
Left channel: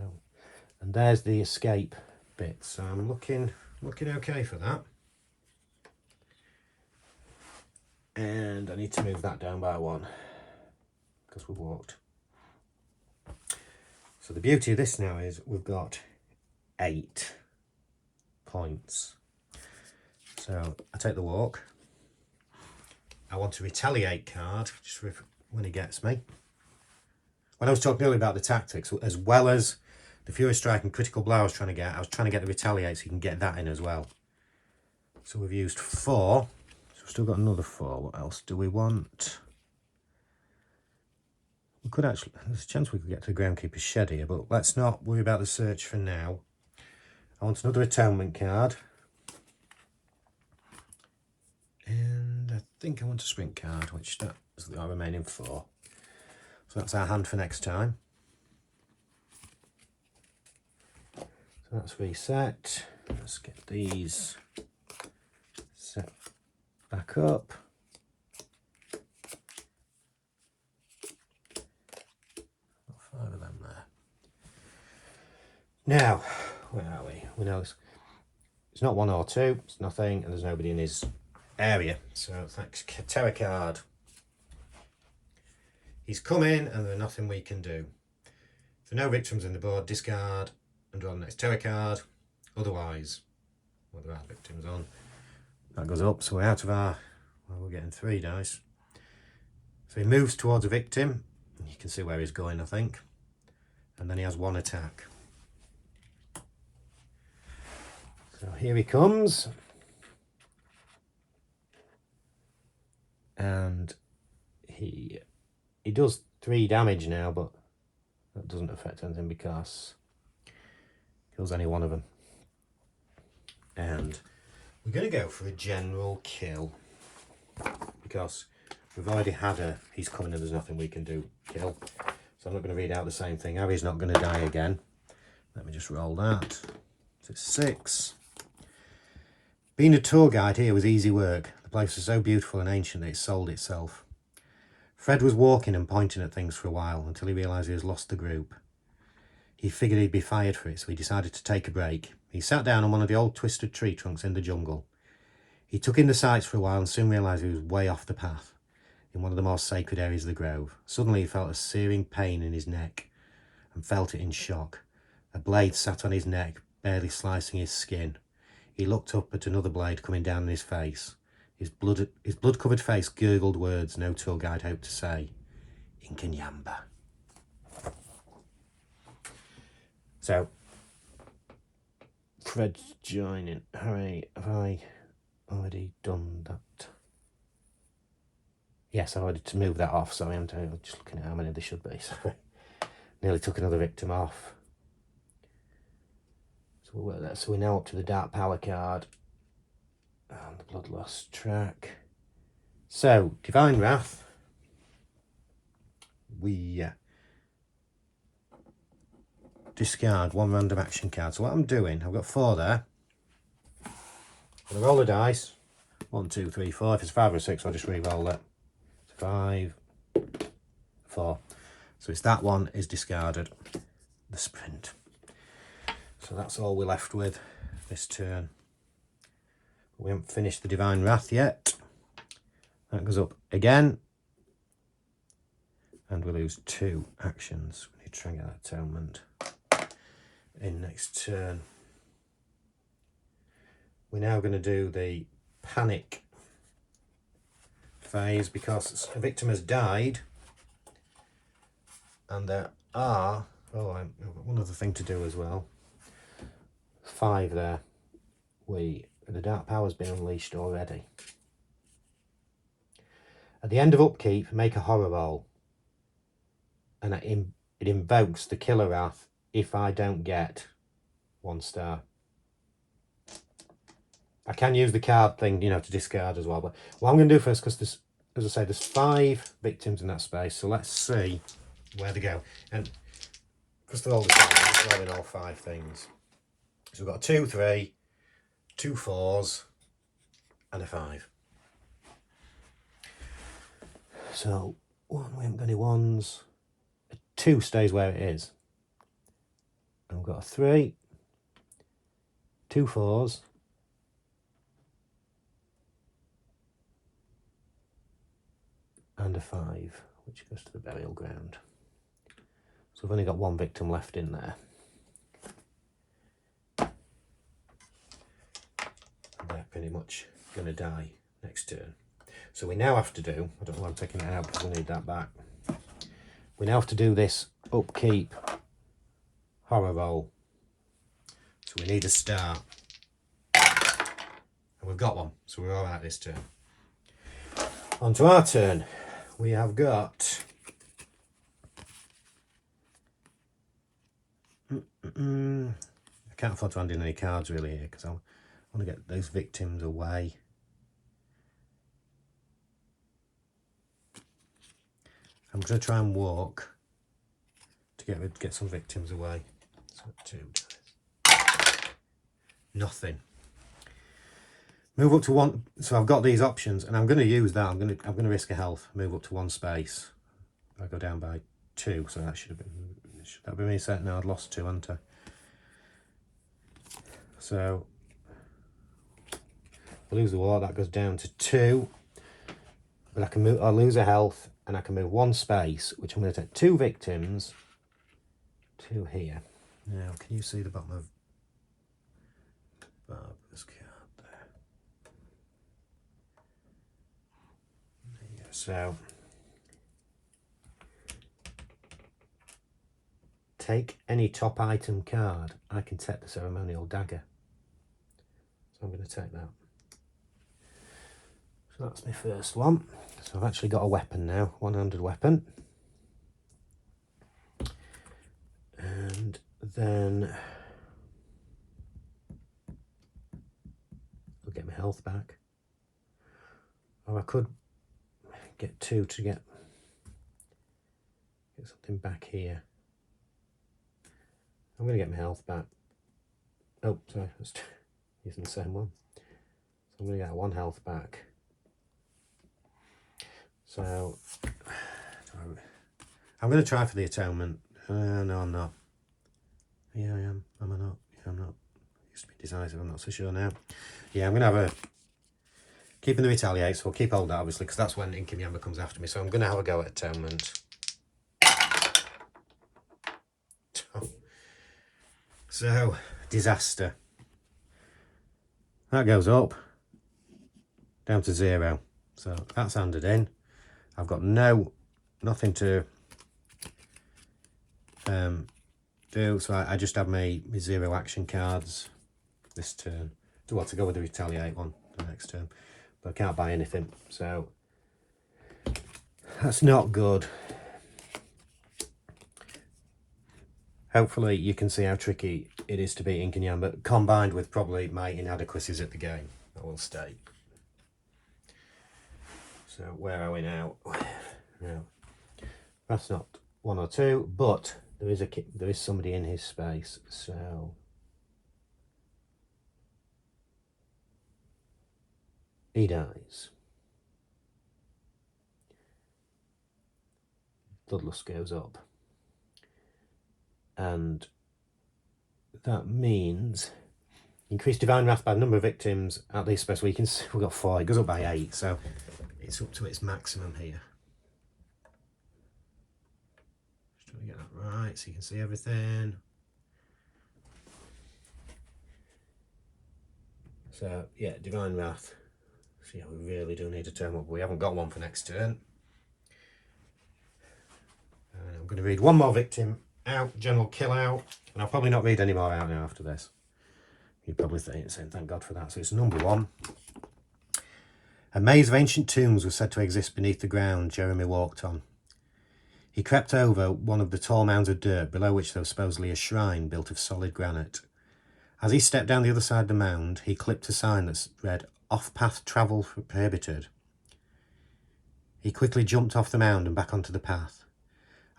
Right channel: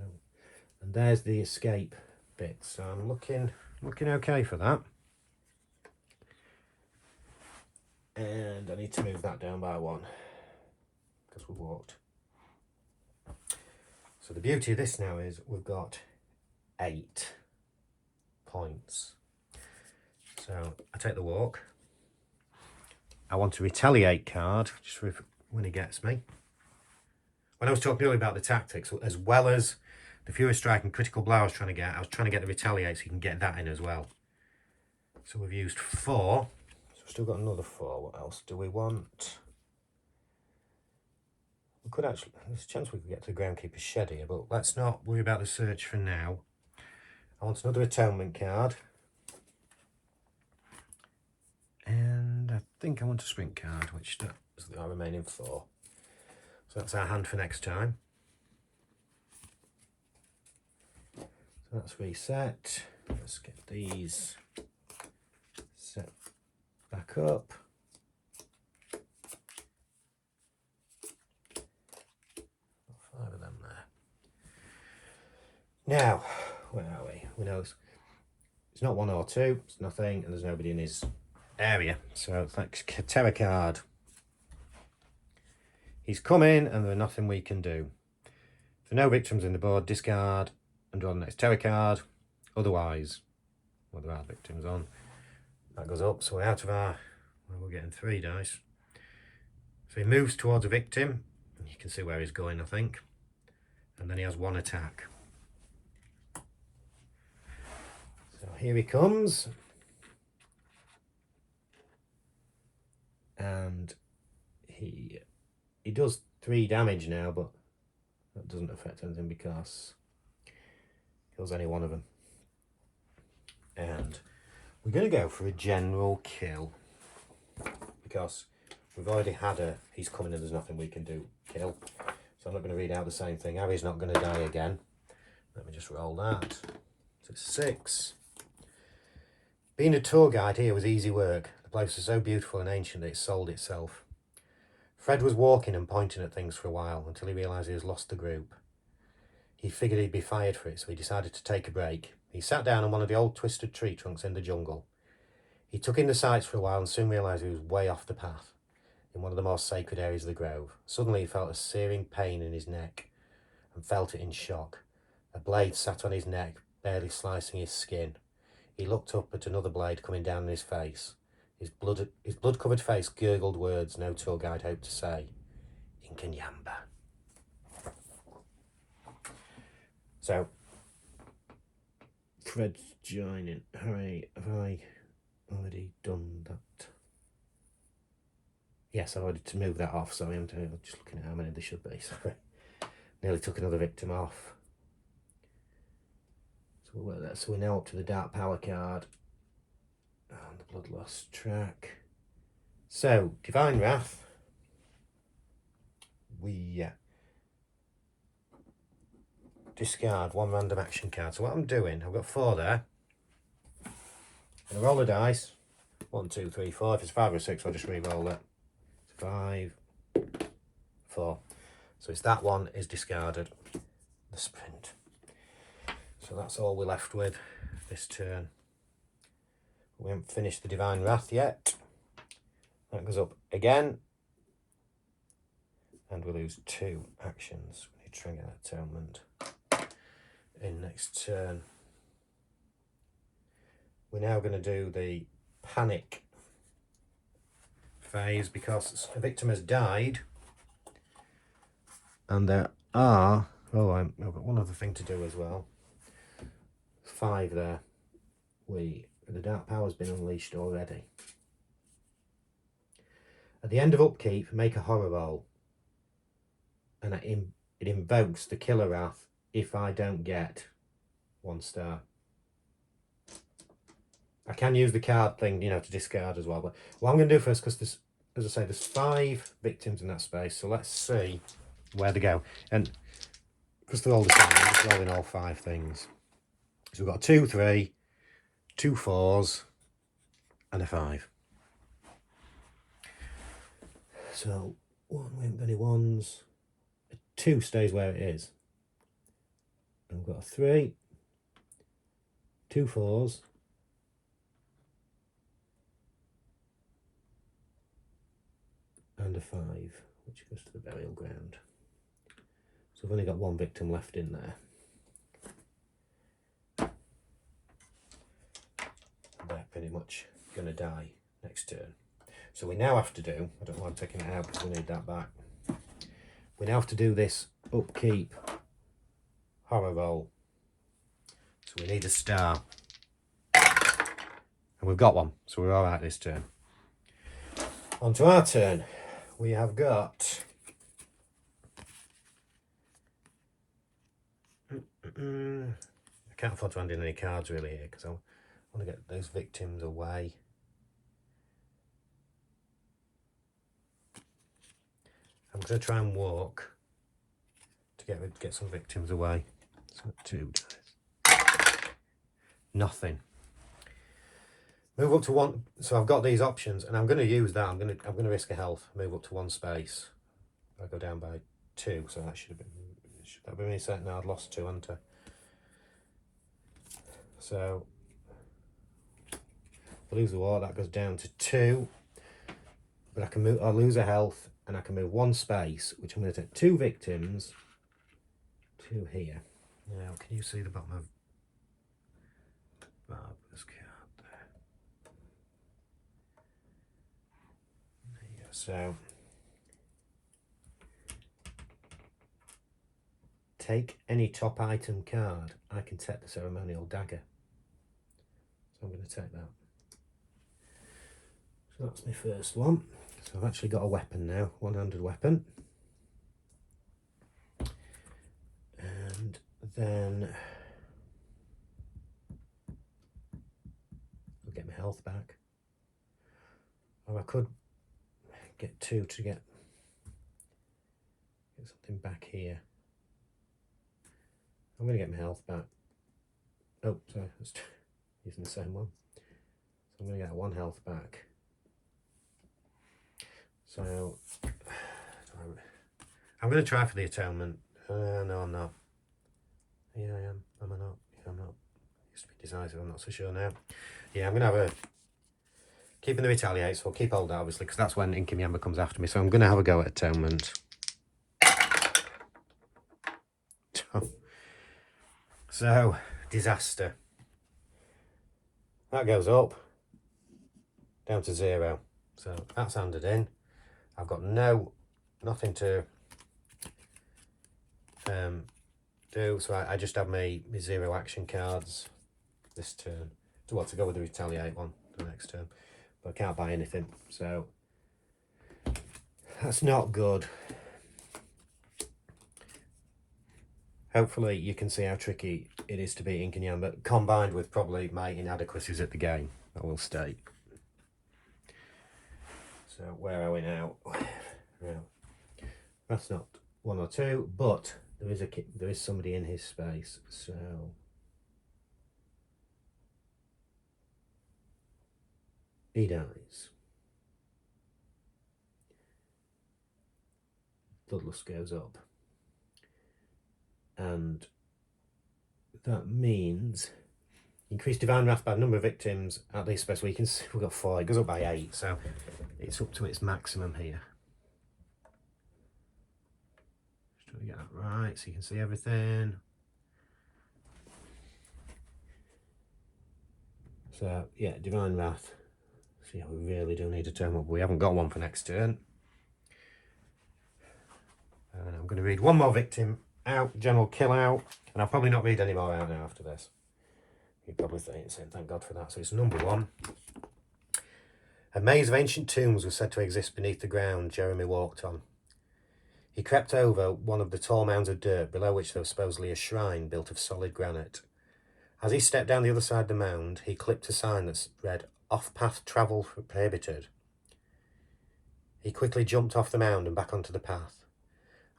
and there's the escape bit. So I'm looking okay for that. And I need to move that down by 1 because we've walked. So the beauty of this now is we've got 8 points. So I take the walk. I want to retaliate card just for when he gets me. When I was talking earlier about the tactics, as well as the Fury Strike and Critical Blow I was trying to get the retaliate so you can get that in as well. So we've used 4. So we've still got another 4. What else do we want? We could actually, there's a chance we could get to the Groundkeeper's Shed here, but let's not worry about the search for now. I want another Atonement card. And I think I want a Sprint card, which is the remaining 4. So that's our hand for next time. So that's reset. Let's get these set back up. 5 of them there. Now, where are we? We know it's not 1 or 2, it's nothing, and there's nobody in his area. So thanks, terror card. He's coming, and there's nothing we can do. So no victims in the board, discard and draw the next terror card. Otherwise, well, there are victims on. That goes up, so we're out of our. Well, we're getting 3 dice. So he moves towards a victim. You can see where he's going, I think. And then he has 1 attack. So here he comes. And he does 3 damage now, but that doesn't affect anything because kills any one of them. And we're going to go for a general kill because we've already had he's coming and there's nothing we can do kill. So I'm not going to read out the same thing. Harry's not going to die again. Let me just roll that. So it's 6. Being a tour guide here was easy work. The place was so beautiful and ancient that it sold itself. Fred was walking and pointing at things for a while until he realised he has lost the group. He figured he'd be fired for it, so he decided to take a break. He sat down on one of the old twisted tree trunks in the jungle. He took in the sights for a while and soon realised he was way off the path, in one of the more sacred areas of the grove. Suddenly he felt a searing pain in his neck and felt it in shock. A blade sat on his neck, barely slicing his skin. He looked up at another blade coming down his face. His blood-covered face gurgled words no tour guide hoped to say. Inkanyamba. So, Fred's joining. Hooray, have I already done that? Yes, I wanted to move that off, so I'm just looking at how many there should be. Sorry. Nearly took another victim off. So we'll work that. So we're now up to the Dark Power card. And the Bloodlust track. So, Divine Wrath. We discard one random action card. So what I'm doing, I've got 4 there. I'm going to roll the dice. 1, 2, 3, 4. If it's 5 or 6, I'll just re-roll it. 5, 4. So it's that one is discarded. The sprint. So that's all we're left with this turn. We haven't finished the Divine Wrath yet. That goes up again. And we lose 2 actions. We need to try and get that atonement in next turn. We're now going to do the panic phase because a victim has died. And there are... Oh, I've got one other thing to do as well. 5 there. The Dark Power's been unleashed already. At the end of upkeep, make a horror roll. And it invokes the Killer Wrath if I don't get 1 star. I can use the card thing, to discard as well. But what I'm going to do first, because there's, as I say, there's 5 victims in that space. So let's see where they go. And because they're all the same, I'm just rolling all 5 things. So we've got 2, 3, 2 4s, and a 5. So 1, we haven't got any 1s. A 2 stays where it is. And we've got a 3, 2 4s, and a 5, which goes to the burial ground. So we've only got 1 victim left in there. And they're pretty much going to die next turn. So we now have to do, I don't know why I'm taking it out because we need that back. We now have to do this upkeep horror roll. So we need a star. And we've got one, so we're all right this turn. On to our turn. We have got... I can't afford to hand in any cards really here because I want to get those victims away. I'm going to try and walk to get some victims away. So 2. Nothing. Move up to 1. So I've got these options, and I'm going to use that. I'm going to risk a health. Move up to 1 space. I go down by 2, so that should have been. Should that be me set now? I'd lost 2, hadn't I? So I lose the war. That goes down to 2. But I can move. I'll lose a health, and I can move 1 space, which I'm going to take 2 victims to here. Now, can you see the bottom of Barbara's card there? So take any top item card. I can take the ceremonial dagger. So I'm going to take that. So that's my first one. So I've actually got a weapon now, one-handed weapon. And then I'll get my health back. Or I could get 2 to get something back here. I'm going to get my health back. Oh, sorry, I was using the same one. So I'm going to get 1 health back. So I'm going to try for the atonement. No, I'm not. Yeah, I am. Am I not? Yeah, I'm not. Used to be decisive, I'm not so sure now. Yeah, I'm going to have a... Keeping the retaliate, so we'll keep hold that, obviously, because that's when Inkanyamba comes after me. So I'm going to have a go at atonement. So, disaster. That goes up, down to 0. So that's handed in. I've got nothing to do, so I just have my 0 action cards this turn. To go with the retaliate one the next turn. But I can't buy anything, so that's not good. Hopefully you can see how tricky it is to beat Inkanyamba, combined with probably my inadequacies at the game, I will state. So where are we now? No, that's not 1 or 2, but there is somebody in his space, so he dies. Bloodlust goes up. And that means increase divine wrath by the number of victims at least special. We can see we've got 4. It goes up by 8, so it's up to its maximum here. Just trying to get that right so you can see everything. So yeah, divine wrath. So yeah, we really do need to turn up. We haven't got one for next turn. And I'm going to read one more victim out, general kill out, and I'll probably not read any more out now after this. You probably think, thank God for that. So it's number 1. A maze of ancient tombs was said to exist beneath the ground Jeremy walked on. He crept over one of the tall mounds of dirt, below which there was supposedly a shrine built of solid granite. As he stepped down the other side of the mound, he clipped a sign that read, "Off-path travel prohibited." He quickly jumped off the mound and back onto the path.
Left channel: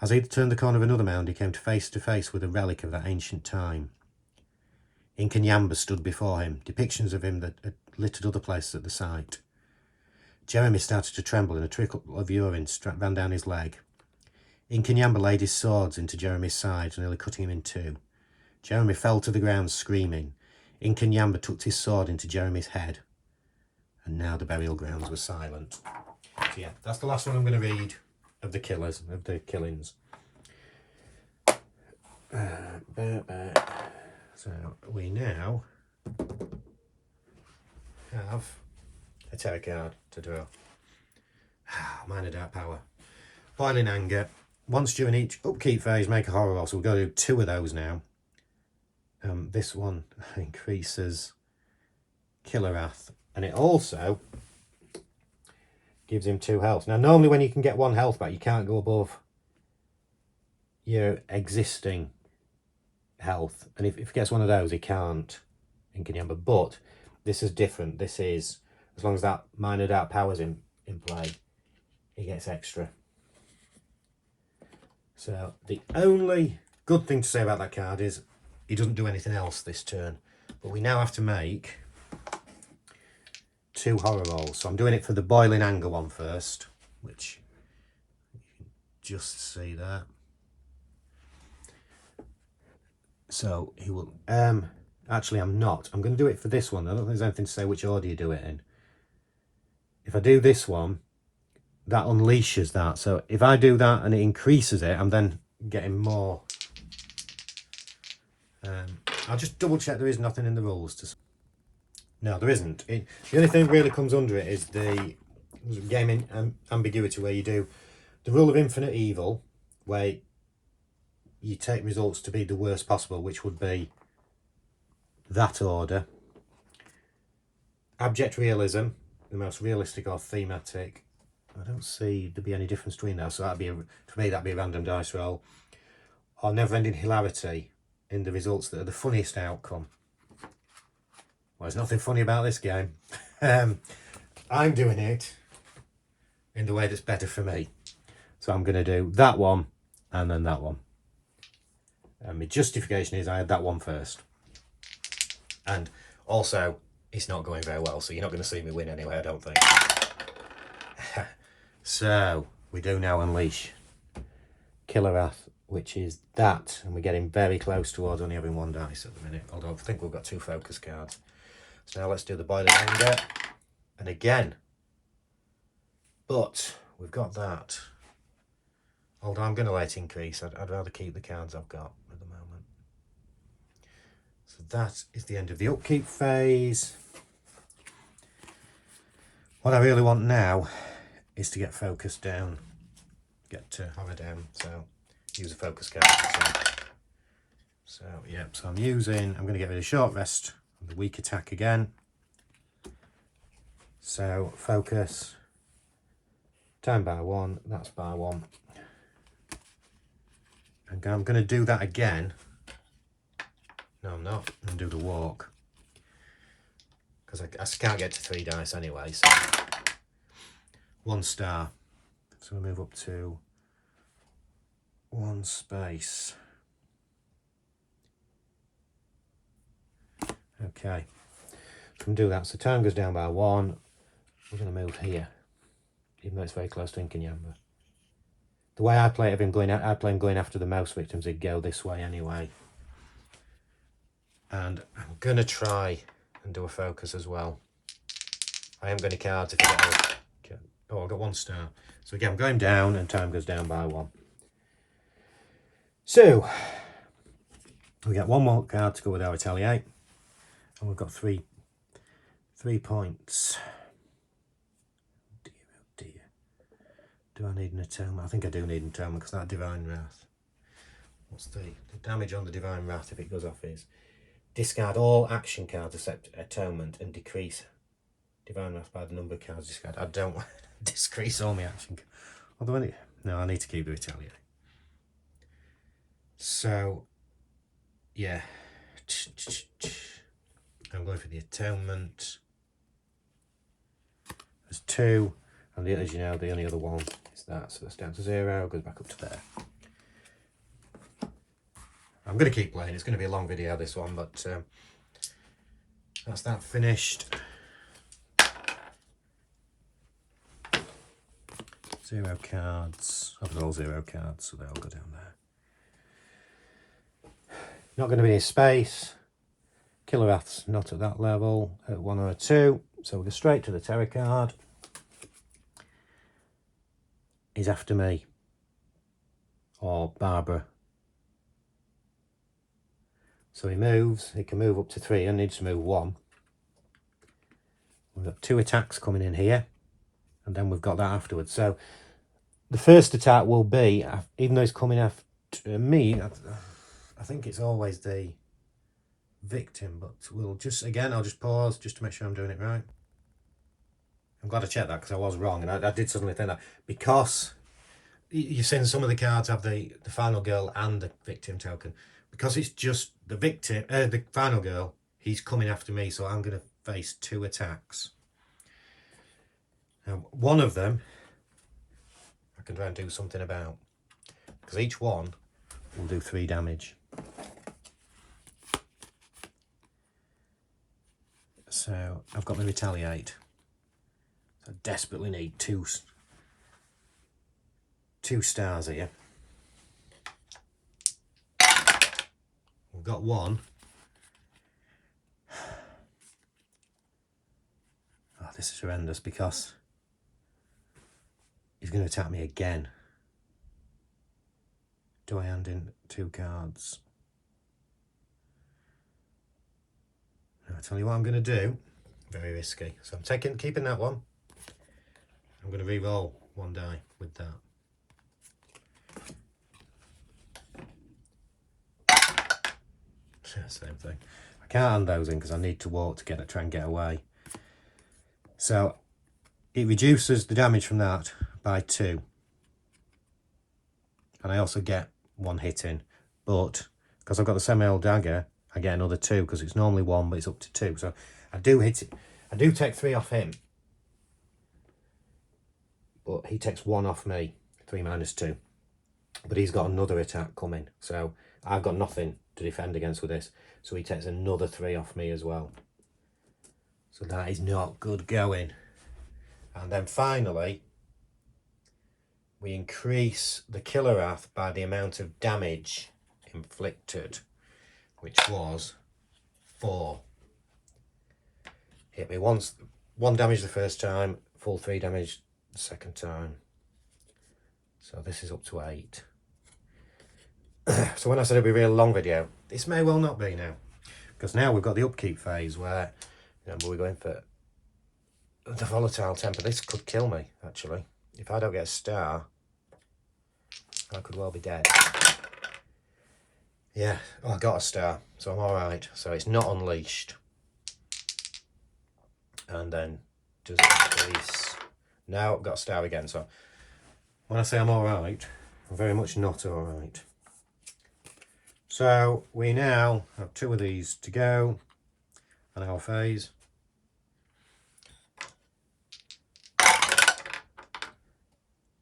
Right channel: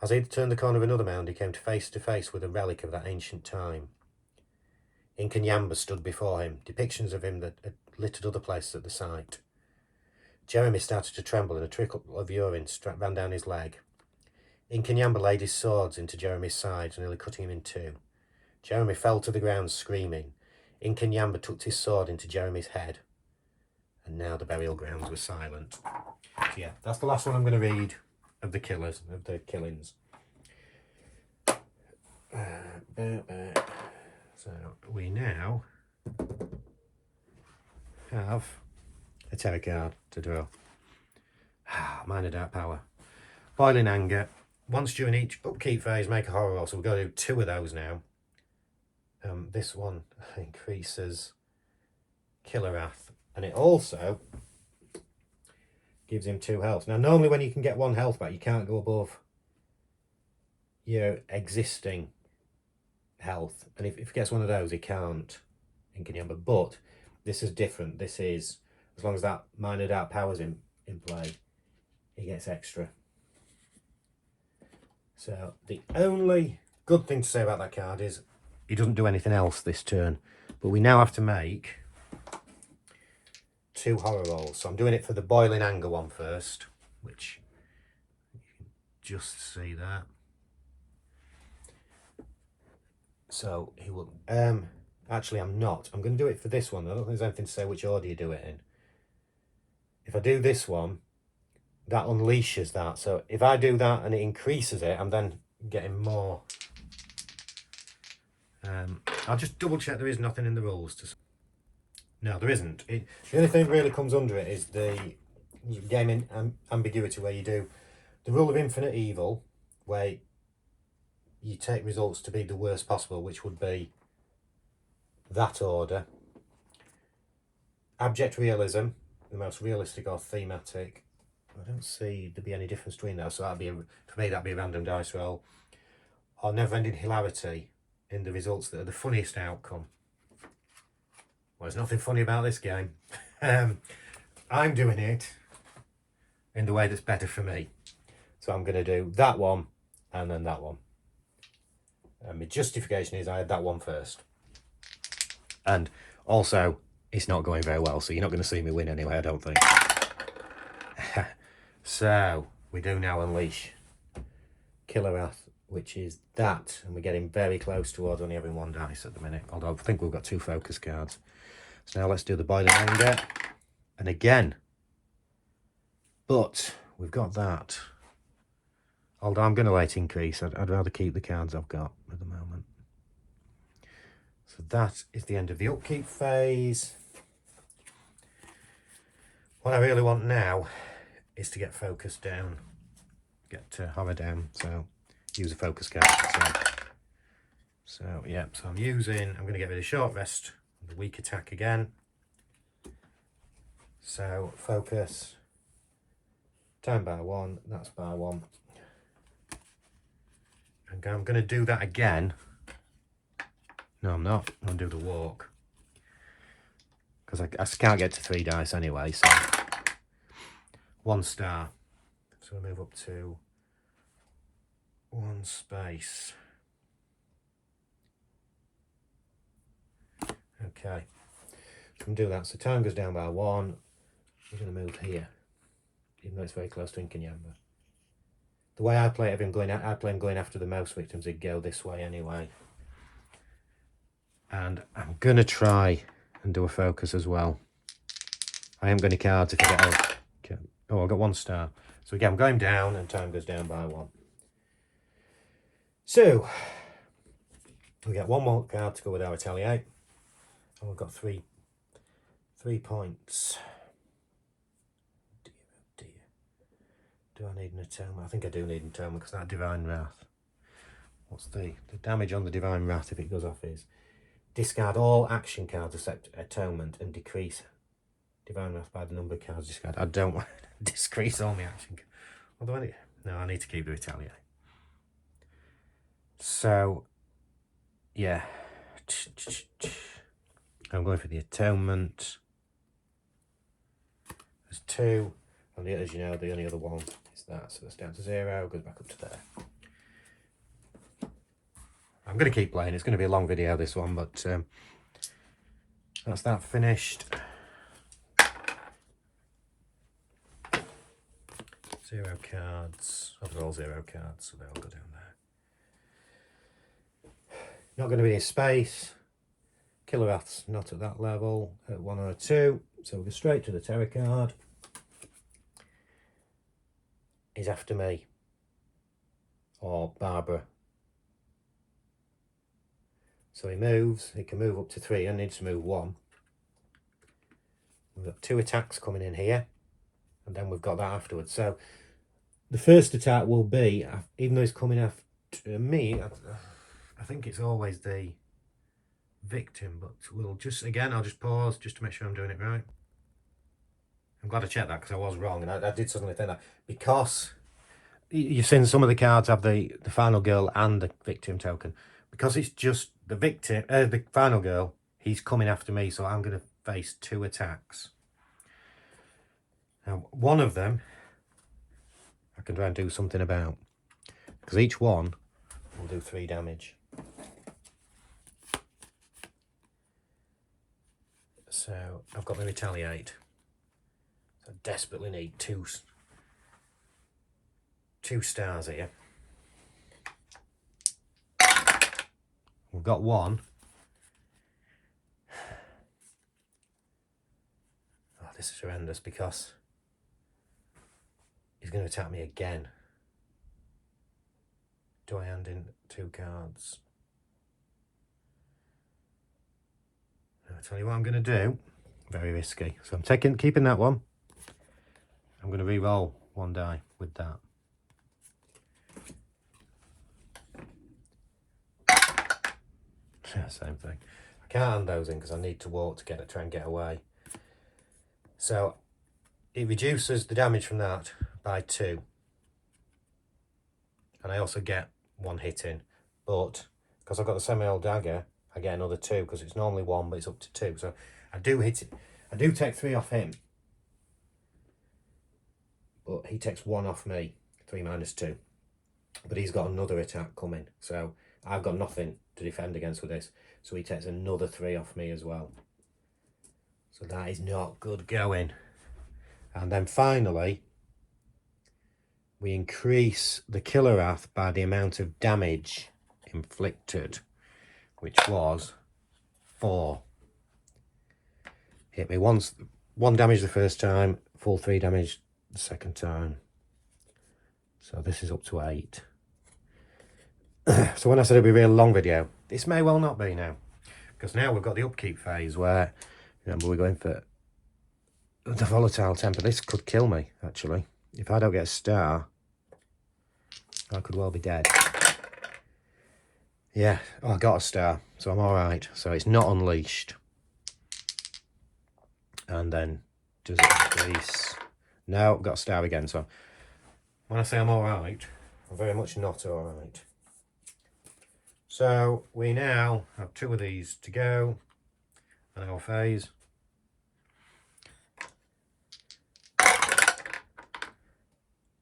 As he turned the corner of another mound, he came face to face with a relic of that ancient time. Inkanyamba stood before him, depictions of him that had littered other places at the site. Jeremy started to tremble and a trickle of urine ran down his leg. Inkanyamba laid his swords into Jeremy's sides, nearly cutting him in 2. Jeremy fell to the ground screaming. Inkanyamba tucked his sword into Jeremy's head. And now the burial grounds were silent. So yeah, that's the last one I'm going to read of the killings. So we now have a terror card to draw. Minor Dark Power. Boiling Anger. Once during each upkeep phase, make a horror roll. So we're going to do 2 of those now. This one increases Killer Wrath, and it also gives him 2 health. Now, normally when you can get 1 health back, you can't go above your existing health. And if he gets one of those, he can't, Inkanyamba. But this is different. This is, as long as that Minor Dark Power's in play, he gets extra. So the only good thing to say about that card is he doesn't do anything else this turn. But we now have to make 2 horror rolls. So I'm doing it for the Boiling Anger one first, which you can just see that. So he will, actually I'm not. I'm going to do it for this one. I don't think there's anything to say which order you do it in. If I do this one, that unleashes that. So if I do that and it increases it, I'm then getting more. I'll just double check there is nothing in the rules to. No, there isn't. The only thing that really comes under it is the gaming ambiguity, where you do the rule of infinite evil, where you take results to be the worst possible, which would be that order. Abject realism, the most realistic or thematic. I don't see there be any difference between those, so that'd be for me that'd be a random dice roll. Or never-ending hilarity, in the results that are the funniest outcome. Well, there's nothing funny about this game. I'm doing it in the way that's better for me. So I'm going to do that one and then that one. My justification is I had that one first. And also, it's not going very well, so you're not going to see me win anyway, I don't think. So, we do now unleash Killer Wrath, which is that, and we're getting very close towards only having 1 dice at the minute, although I think we've got 2 focus cards. So now let's do the Boiling Anger, and again, but we've got that. Although I'm going to let increase, I'd rather keep the cards I've got at the moment. So that is the end of the upkeep phase. What I really want now is to get focus down, get hover down, so use a focus card. So yep, so I'm going to get rid of short rest, the weak attack again. So focus, time by 1, that's by 1. And I'm going to do that again. No, I'm not. I'll do the walk. Because I can't get to 3 dice anyway, so 1 star. So we move up to 1 space. Okay, can do that. So time goes down by 1. We're going to move here, even though it's very close to Inkanyamba. The way I play it, I play him going after the mouse victims. He'd go this way anyway. And I'm going to try and do a focus as well. I haven't got any cards if I get on. Oh, I got 1 star. So again, I'm going down and time goes down by 1. So we get 1 more card to go with our retaliate. And we've got 3 points. Oh dear. Do I need an atonement? I think I do need an atonement because that Divine Wrath. What's the damage on the Divine Wrath if it goes off is discard all action cards except atonement and decrease Divine Wrath by the number of cards discarded. I don't want to decrease all my action cards. Although no, I need to keep the retaliate. So yeah. I'm going for the atonement. There's 2, and as you know, the only other one is that. So that's down to 0, goes back up to there. I'm going to keep playing. It's going to be a long video, this one, but that's that finished. 0 cards. I've got all 0 cards, so they'll go down there. Not going to be a space. Killer Wrath's not at that level, at 1 or a 2. So we'll go straight to the terror card. He's after me. Or Barbara. So he moves. He can move up to 3. I need to move 1. We've got 2 attacks coming in here. And then we've got that afterwards. So the first attack will be, even though he's coming after me, I think it's always the victim, but we'll just, again, I'll just pause just to make sure I'm doing it right. I'm glad I checked that because I was wrong, and I did suddenly think that, because you've seen some of the cards have the final girl and the victim token. Because it's just the victim, the final girl, he's coming after me, so I'm going to face 2 attacks. Now, one of them I can try and do something about, because each one will do 3 damage. So I've got the retaliate. So I desperately need 2 stars here. We've got 1. Oh, this is horrendous because he's going to attack me again. Do I hand in 2 cards? I'll tell you what I'm going to do. Very risky. So I'm keeping that one. I'm going to re-roll 1 die with that. Yeah, same thing. I can't hand those in because I need to walk to try and get away. So it reduces the damage from that by 2. And I also get 1 hit in. But because I've got the semi-old dagger, I get another 2 because it's normally 1, but it's up to 2. So I do hit it. I do take 3 off him. But he takes 1 off me. 3 minus 2. But he's got another attack coming. So I've got nothing to defend against with this. So he takes another 3 off me as well. So that is not good going. And then finally, we increase the Killer Wrath by the amount of damage inflicted, which was 4. Hit me once, 1 damage the first time, full 3 damage the second time. So this is up to 8. So when I said it'd be a real long video, this may well not be now, because now we've got the upkeep phase where, remember, we're going for the volatile temper. This could kill me, actually. If I don't get a star, I could well be dead. Yeah, oh, I got a star, so I'm alright. So it's not unleashed. And then does it release? No, got a star again. So when I say I'm alright, I'm very much not alright. So we now have 2 of these to go on our phase.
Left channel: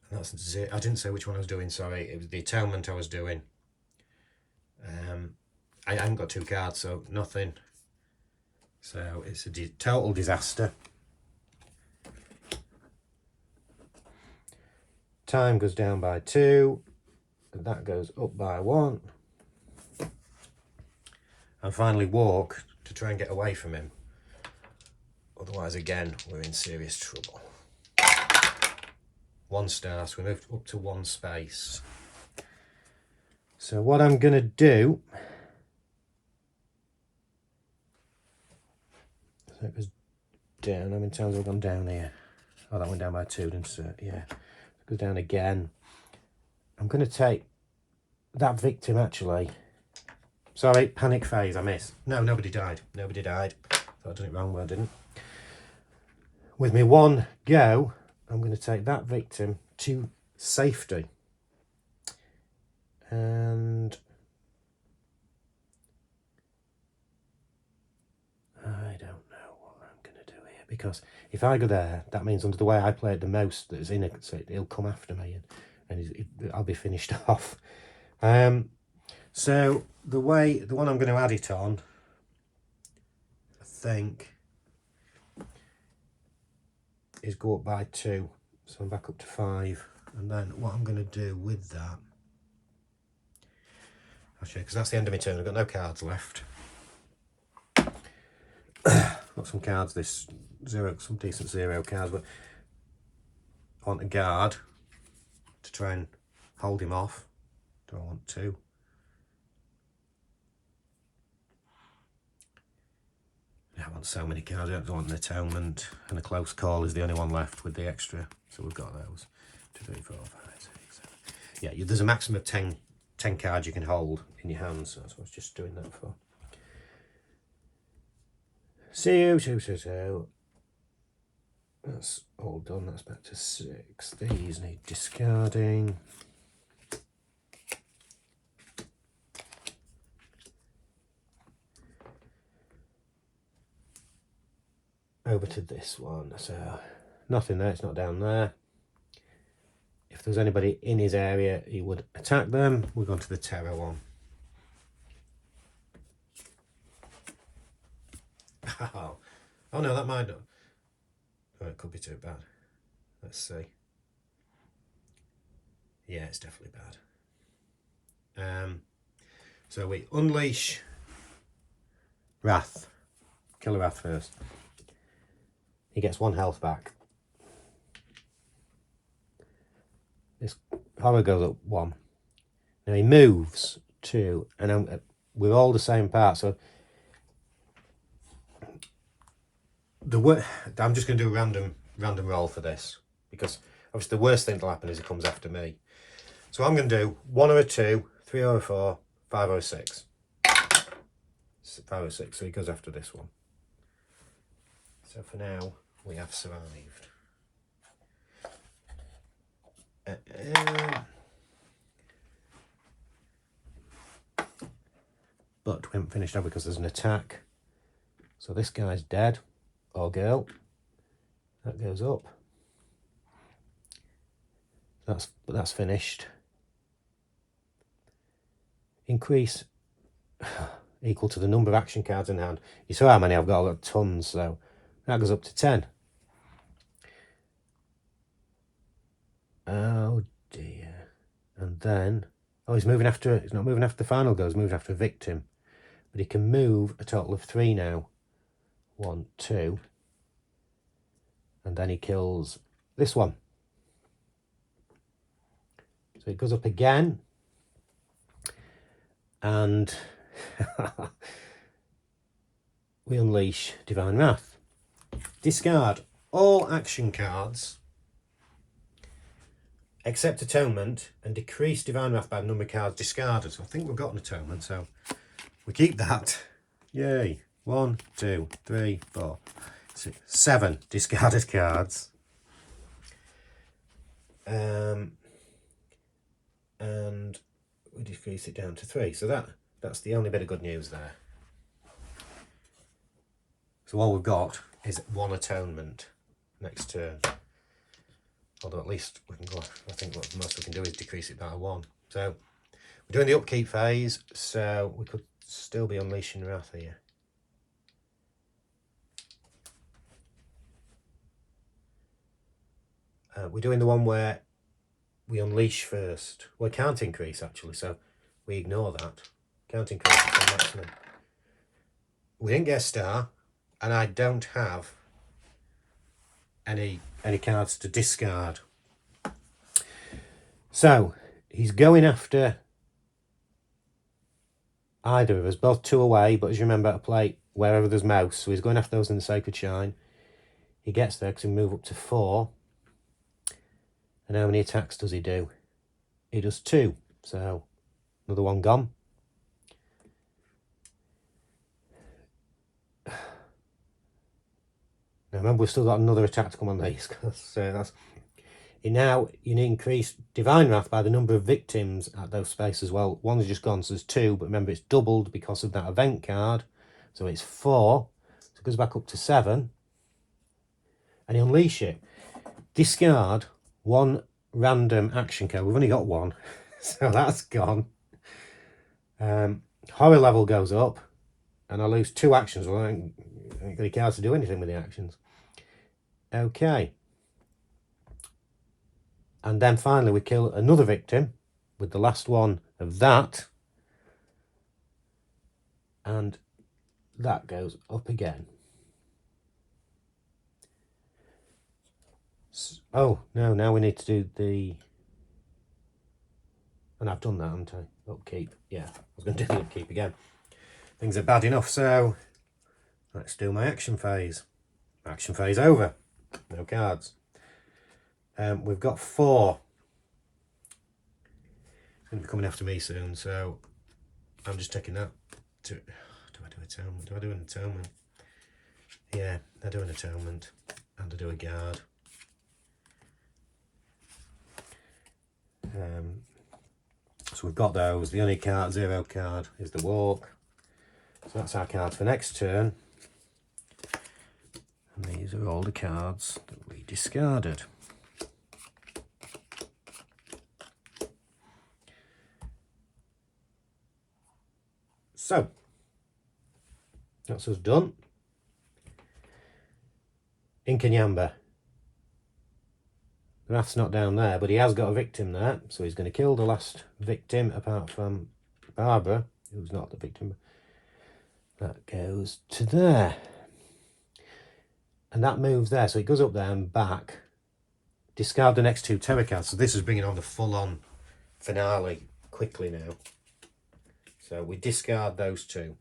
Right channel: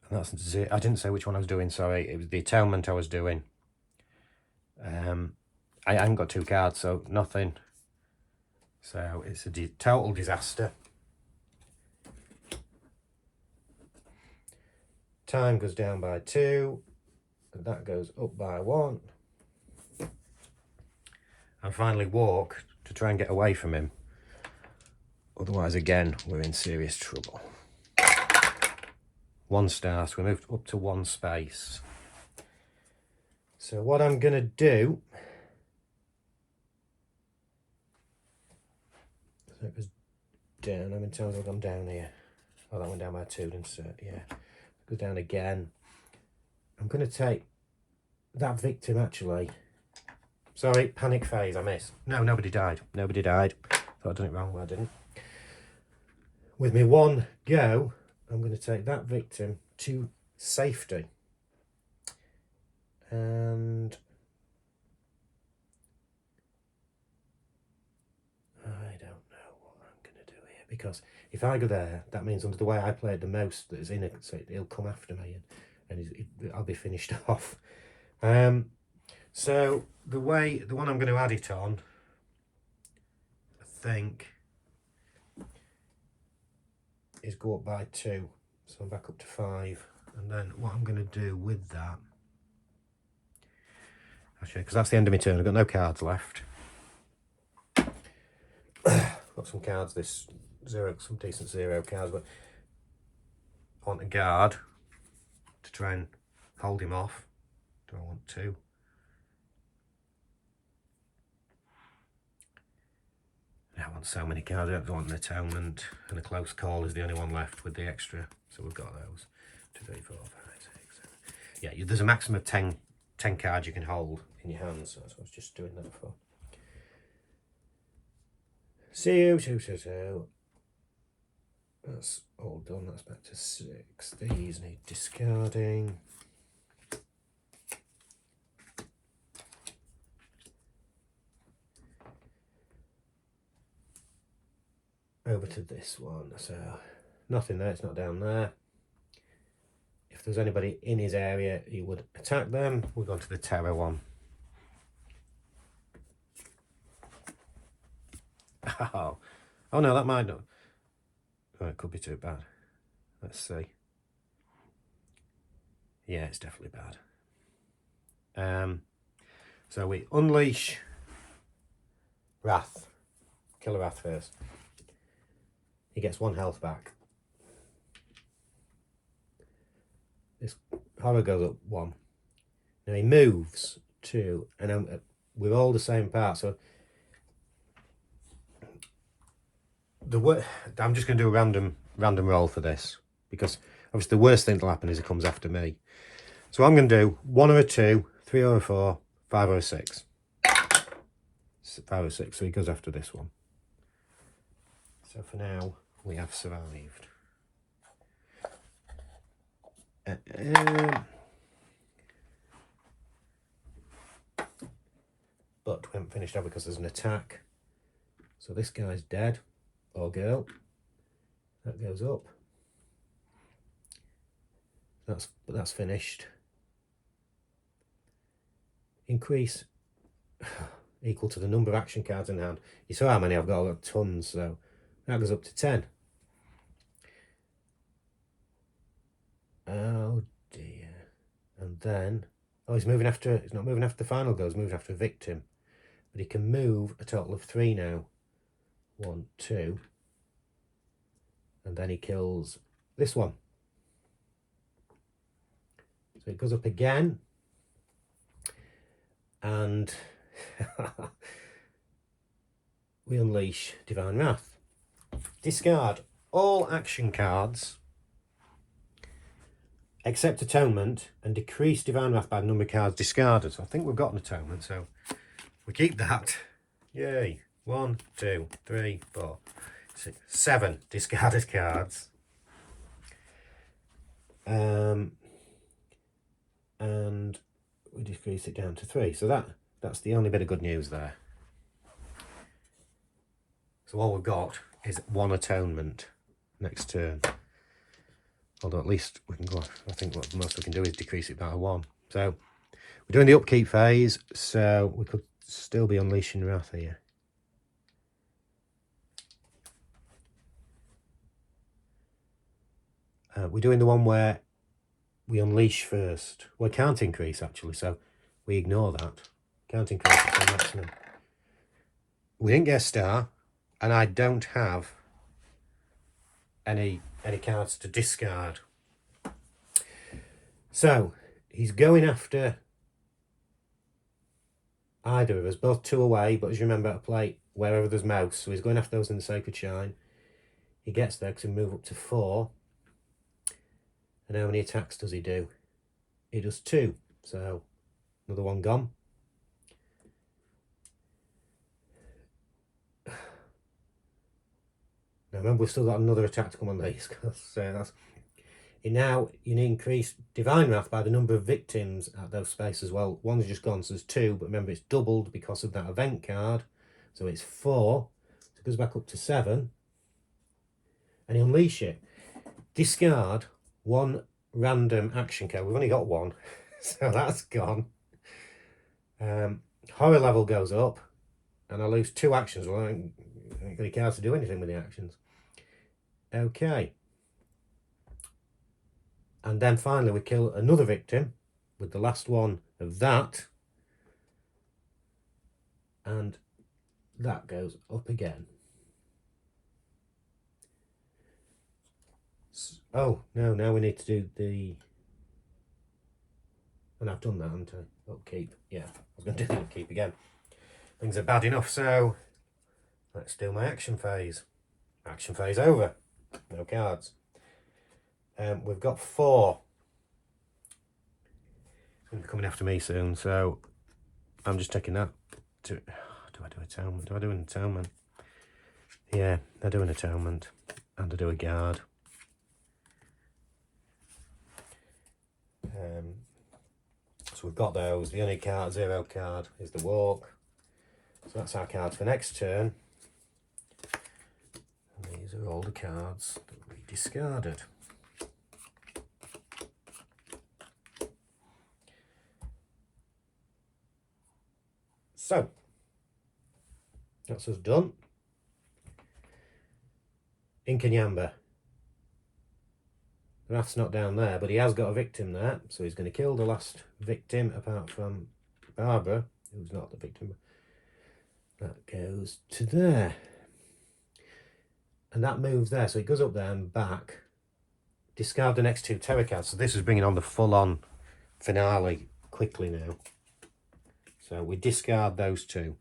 And that's zero. I didn't say which one I was doing, sorry. It was the atonement I was doing. I haven't got 2 cards, so nothing. So it's a total disaster. Time goes down by 2, and that goes up by 1. And finally walk to try and get away from him. Otherwise, again, we're in serious trouble. 1 star, so we moved up to 1 space. So what I'm going to do... So it goes down. How many times have I gone down here? Oh, that went down by 2, didn't it? Yeah. It goes down again. I'm going to take that victim, actually. Sorry, panic phase, I missed. No, nobody died. Nobody died. Thought I'd done it wrong, but I didn't. With me 1 go, I'm going to take that victim to safety. And I don't know what I'm going to do here, because if I go there, that means under the way I played the most that is in it, so he'll come after me and I'll be finished off. So the one I'm going to add it on, I think, is go up by 2. So I'm back up to 5. And then what I'm going to do with that, actually, because that's the end of my turn, I've got no cards left. Got some cards, some decent 0 cards, but I want a guard to try and hold him off. Do I want 2? I want so many cards. I don't want an atonement, and a close call is the only one left with the extra. So we've got those. 2, 3, 4, 5, 6, 7. Yeah, there's a maximum of 10 cards you can hold in your hands. So that's what I was just doing that for. So. That's all done. That's back to 6. These need discarding. Over to this one. So nothing there. It's not down there. If there's anybody in his area, he would attack them. We'll go to the terror one. Oh no, that might not. Oh, it could be too bad. Let's see. Yeah, it's definitely bad. So we unleash Wrath. Kill the Wrath first. He gets 1 health back. This horror goes up 1. Now he moves 2, and we're all the same part. So I'm just going to do a random roll for this, because obviously the worst thing that'll happen is he comes after me. So I'm going to do 1 or a 2, 3 or a 4, 5 or a 6. 5 or 6. So he goes after this one. So for now, we have survived. But we haven't finished off because there's an attack. So this guy's dead, or girl. That goes up. That's finished. Increase equal to the number of action cards in hand. You saw how many I've got. I've got tons, so that goes up to 10. Oh dear. And then, he's not moving after the final go, he's moving after a victim. But he can move a total of 3 now. 1, 2. And then he kills this one. So it goes up again. And we unleash Divine Wrath. Discard. all action cards except Atonement and decrease Divine Wrath by the number of cards discarded. So I think we've got an Atonement, so we keep that. Yay. 1, 2, 3, 4, 6, 7 discarded cards. And we decrease it down to 3. So that's the only bit of good news there. So all we've got is 1 Atonement next turn. Although at least we can go, I think what most we can do is decrease it by 1. So we're doing the upkeep phase, so we could still be unleashing Wrath here. We're doing the one where we unleash first. Well, can't increase actually, so we ignore that. Can't increase it to maximum. We didn't get a star, and I don't have any cards to discard. So he's going after either of us, both 2 away, but as you remember, to play wherever there's mouse, so he's going after those in the Sacred Shrine. He gets there because he move up to 4. And how many attacks does he do? He does 2, so another one gone. Now remember, we've still got another attack to come on these, because that's... Now you need to increase Divine Wrath by the number of victims at those spaces. Well, one's just gone, so there's 2, but remember it's doubled because of that event card. So it's 4, so it goes back up to 7. And you unleash it. Discard 1 random action card. We've only got 1, so that's gone. Horror level goes up, and I lose 2 actions. Well, I ain't got any cards to do anything with the actions. Okay. And then finally we kill another victim with the last one of that. And that goes up again. Oh, no, now we need to do the... And I've done that, haven't I? Upkeep. Yeah, I was going to do the upkeep again. Things are bad enough, so let's do my action phase. Action phase over. No cards. We've got 4. They're coming after me soon, so I'm just taking that. Do I do Atonement? Do I do an Atonement? Yeah, I do an Atonement. And I do a guard. So we've got those. The only card, 0 card, is the Walk. So that's our cards for next turn. And these are all the cards that we discarded. So, that's us done. Inkanyamba. Wrath's not down there, but he has got a victim there, so he's going to kill the last victim, apart from Barbara, who's not the victim. That goes to there. And that moves there, so it goes up there and back. Discard the next 2 terror cards. So this is bringing on the full-on finale quickly now. So we discard those 2.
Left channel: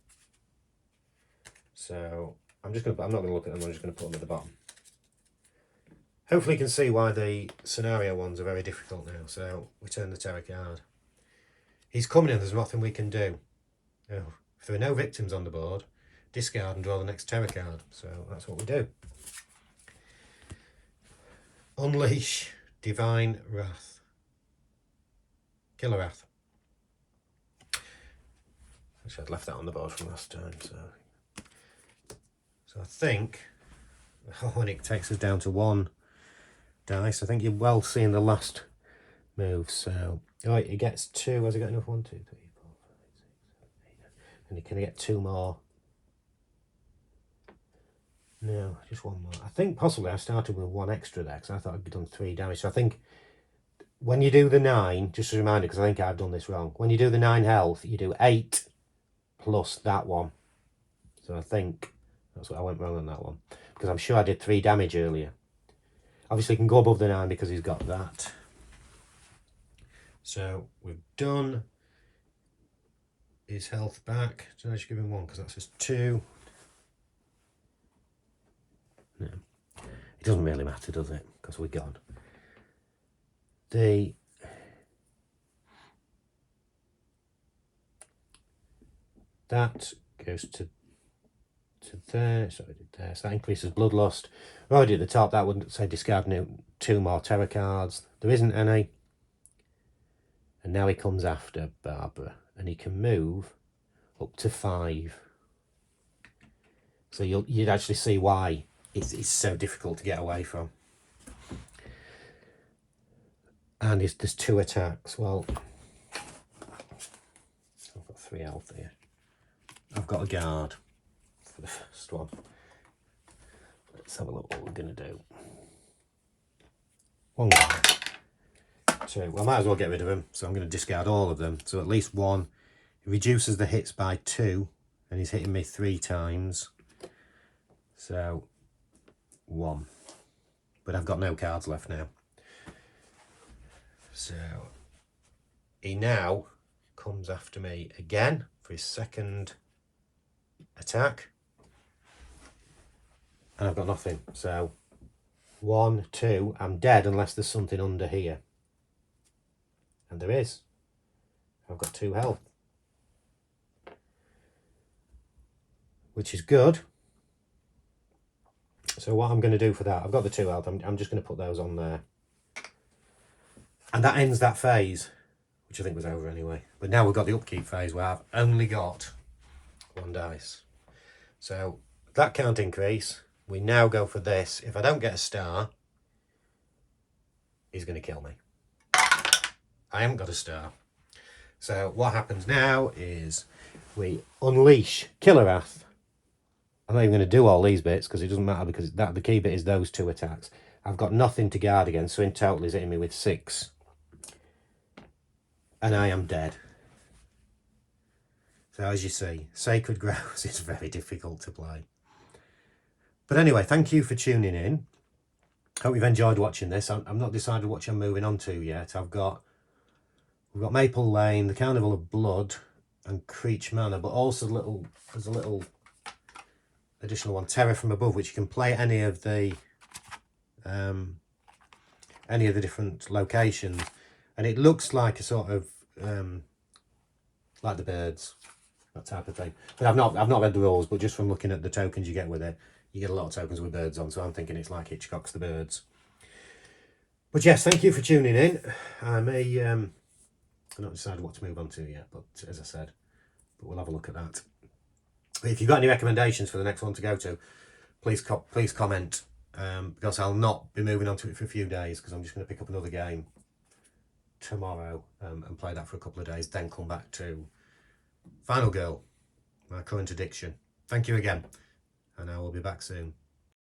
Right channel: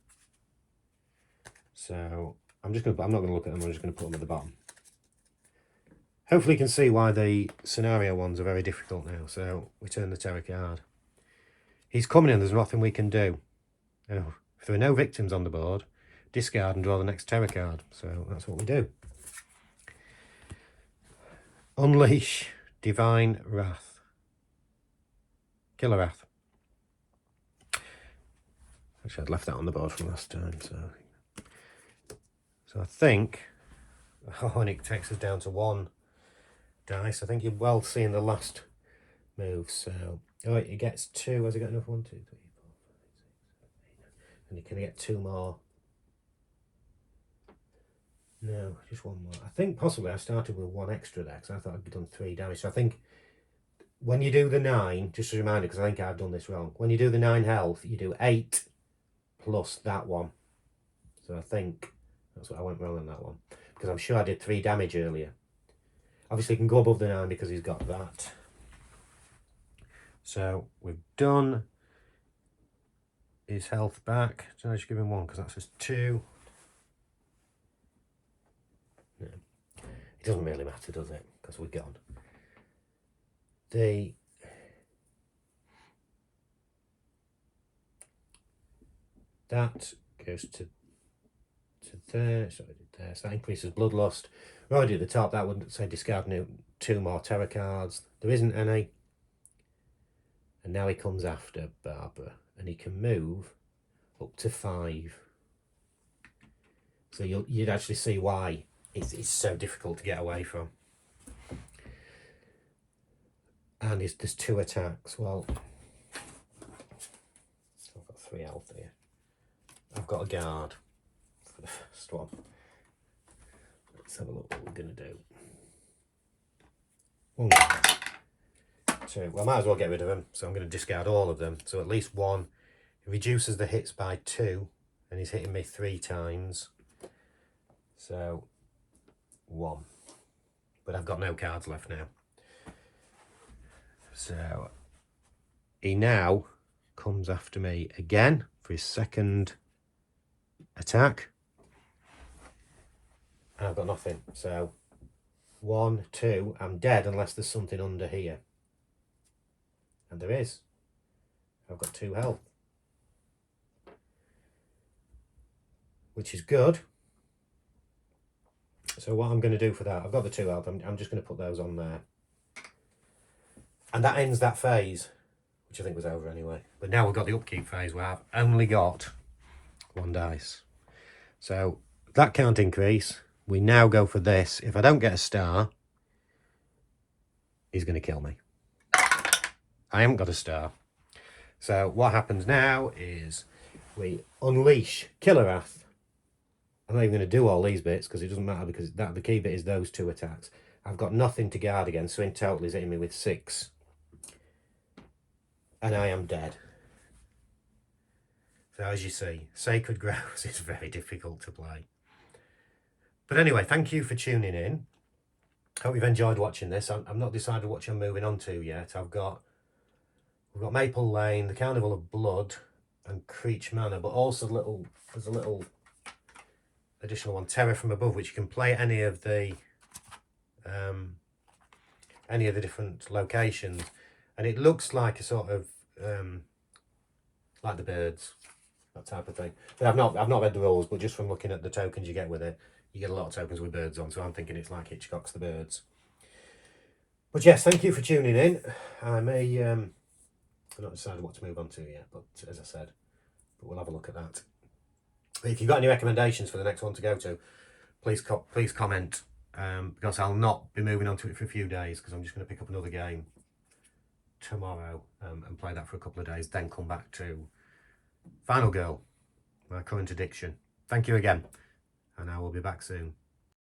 So I'm not going to look at them, I'm just going to put them at the bottom. Hopefully you can see why the scenario ones are very difficult now. So we turn the terror card. He's coming in, there's nothing we can do. Oh, if there are no victims on the board, discard and draw the next terror card. So that's what we do. Unleash Divine Wrath. Killer Wrath. Actually, I'd left that on the board from last time. So I think... Oh, and it takes us down to 1 dice. I think you're well seeing the last move. So, oh, it gets 2. Has he got enough? 1, 2, 3, 4, 5, 6, 7, 8, 9. And he can get 2 more. No, just 1 more. I think possibly I started with 1 extra there because I thought I'd done 3 damage. So I think when you do the 9, just a reminder, because I think I've done this wrong. When you do the 9 health, you do 8 plus that 1. So I think that's what I went wrong on that one, because I'm sure I did 3 damage earlier. Obviously, he can go above the 9 because he's got that. So we've done his health back. So I just give him 1 because that's just 2. No. It doesn't really matter, does it? Because we're gone. That goes to there, so I did there. So that increases bloodlust. We're already at the top. That wouldn't say discard 2 more terror cards. There isn't any. And now he comes after Barbara, and he can move up to 5. So you'd actually see why it's so difficult to get away from. And there's 2 attacks. Well, I've got 3 health here. I've got a guard for the first one. Let's have a look what we're going to do. 1 guard. 2. Well, I might as well get rid of them. So I'm going to discard all of them. So at least 1. It reduces the hits by 2. And he's hitting me 3 times. So 1. But I've got no cards left now. So he now comes after me again for his second attack. And I've got nothing. So 1, 2, I'm dead unless there's something under here. And there is. I've got 2 health. Which is good. So what I'm going to do for that, I've got the 2 health, I'm just going to put those on there. And that ends that phase, which I think was over anyway. But now we've got the upkeep phase where I've only got 1 dice. So that can't increase. We now go for this. If I don't get a star, he's going to kill me. I haven't got a star. So what happens now is we unleash Killer Wrath. I'm not even going to do all these bits because it doesn't matter, because the key bit is those 2 attacks. I've got nothing to guard against, so in total he's hitting me with 6. And I am dead. So as you see, Sacred Grouse is very difficult to play. But anyway, thank you for tuning in. Hope you've enjoyed watching this. I'm not decided what I'm moving on to yet. We've got Maple Lane, the Carnival of Blood, and Creech Manor, but also there's a little additional one, Terror from Above, which you can play at any of the different locations, and it looks like a sort of like the birds, that type of thing. But I've not read the rules, but just from looking at the tokens you get with it, you get a lot of tokens with birds on, so I'm thinking it's like Hitchcock's The Birds. But yes, thank you for tuning in. I've not decided what to move on to yet, but as I said, we'll have a look at that. If you've got any recommendations for the next one to go to, please comment, because I'll not be moving on to it for a few days, because I'm just going to pick up another game tomorrow and play that for a couple of days, then come back to Final Girl, my current addiction. Thank you again, and I will be back soon.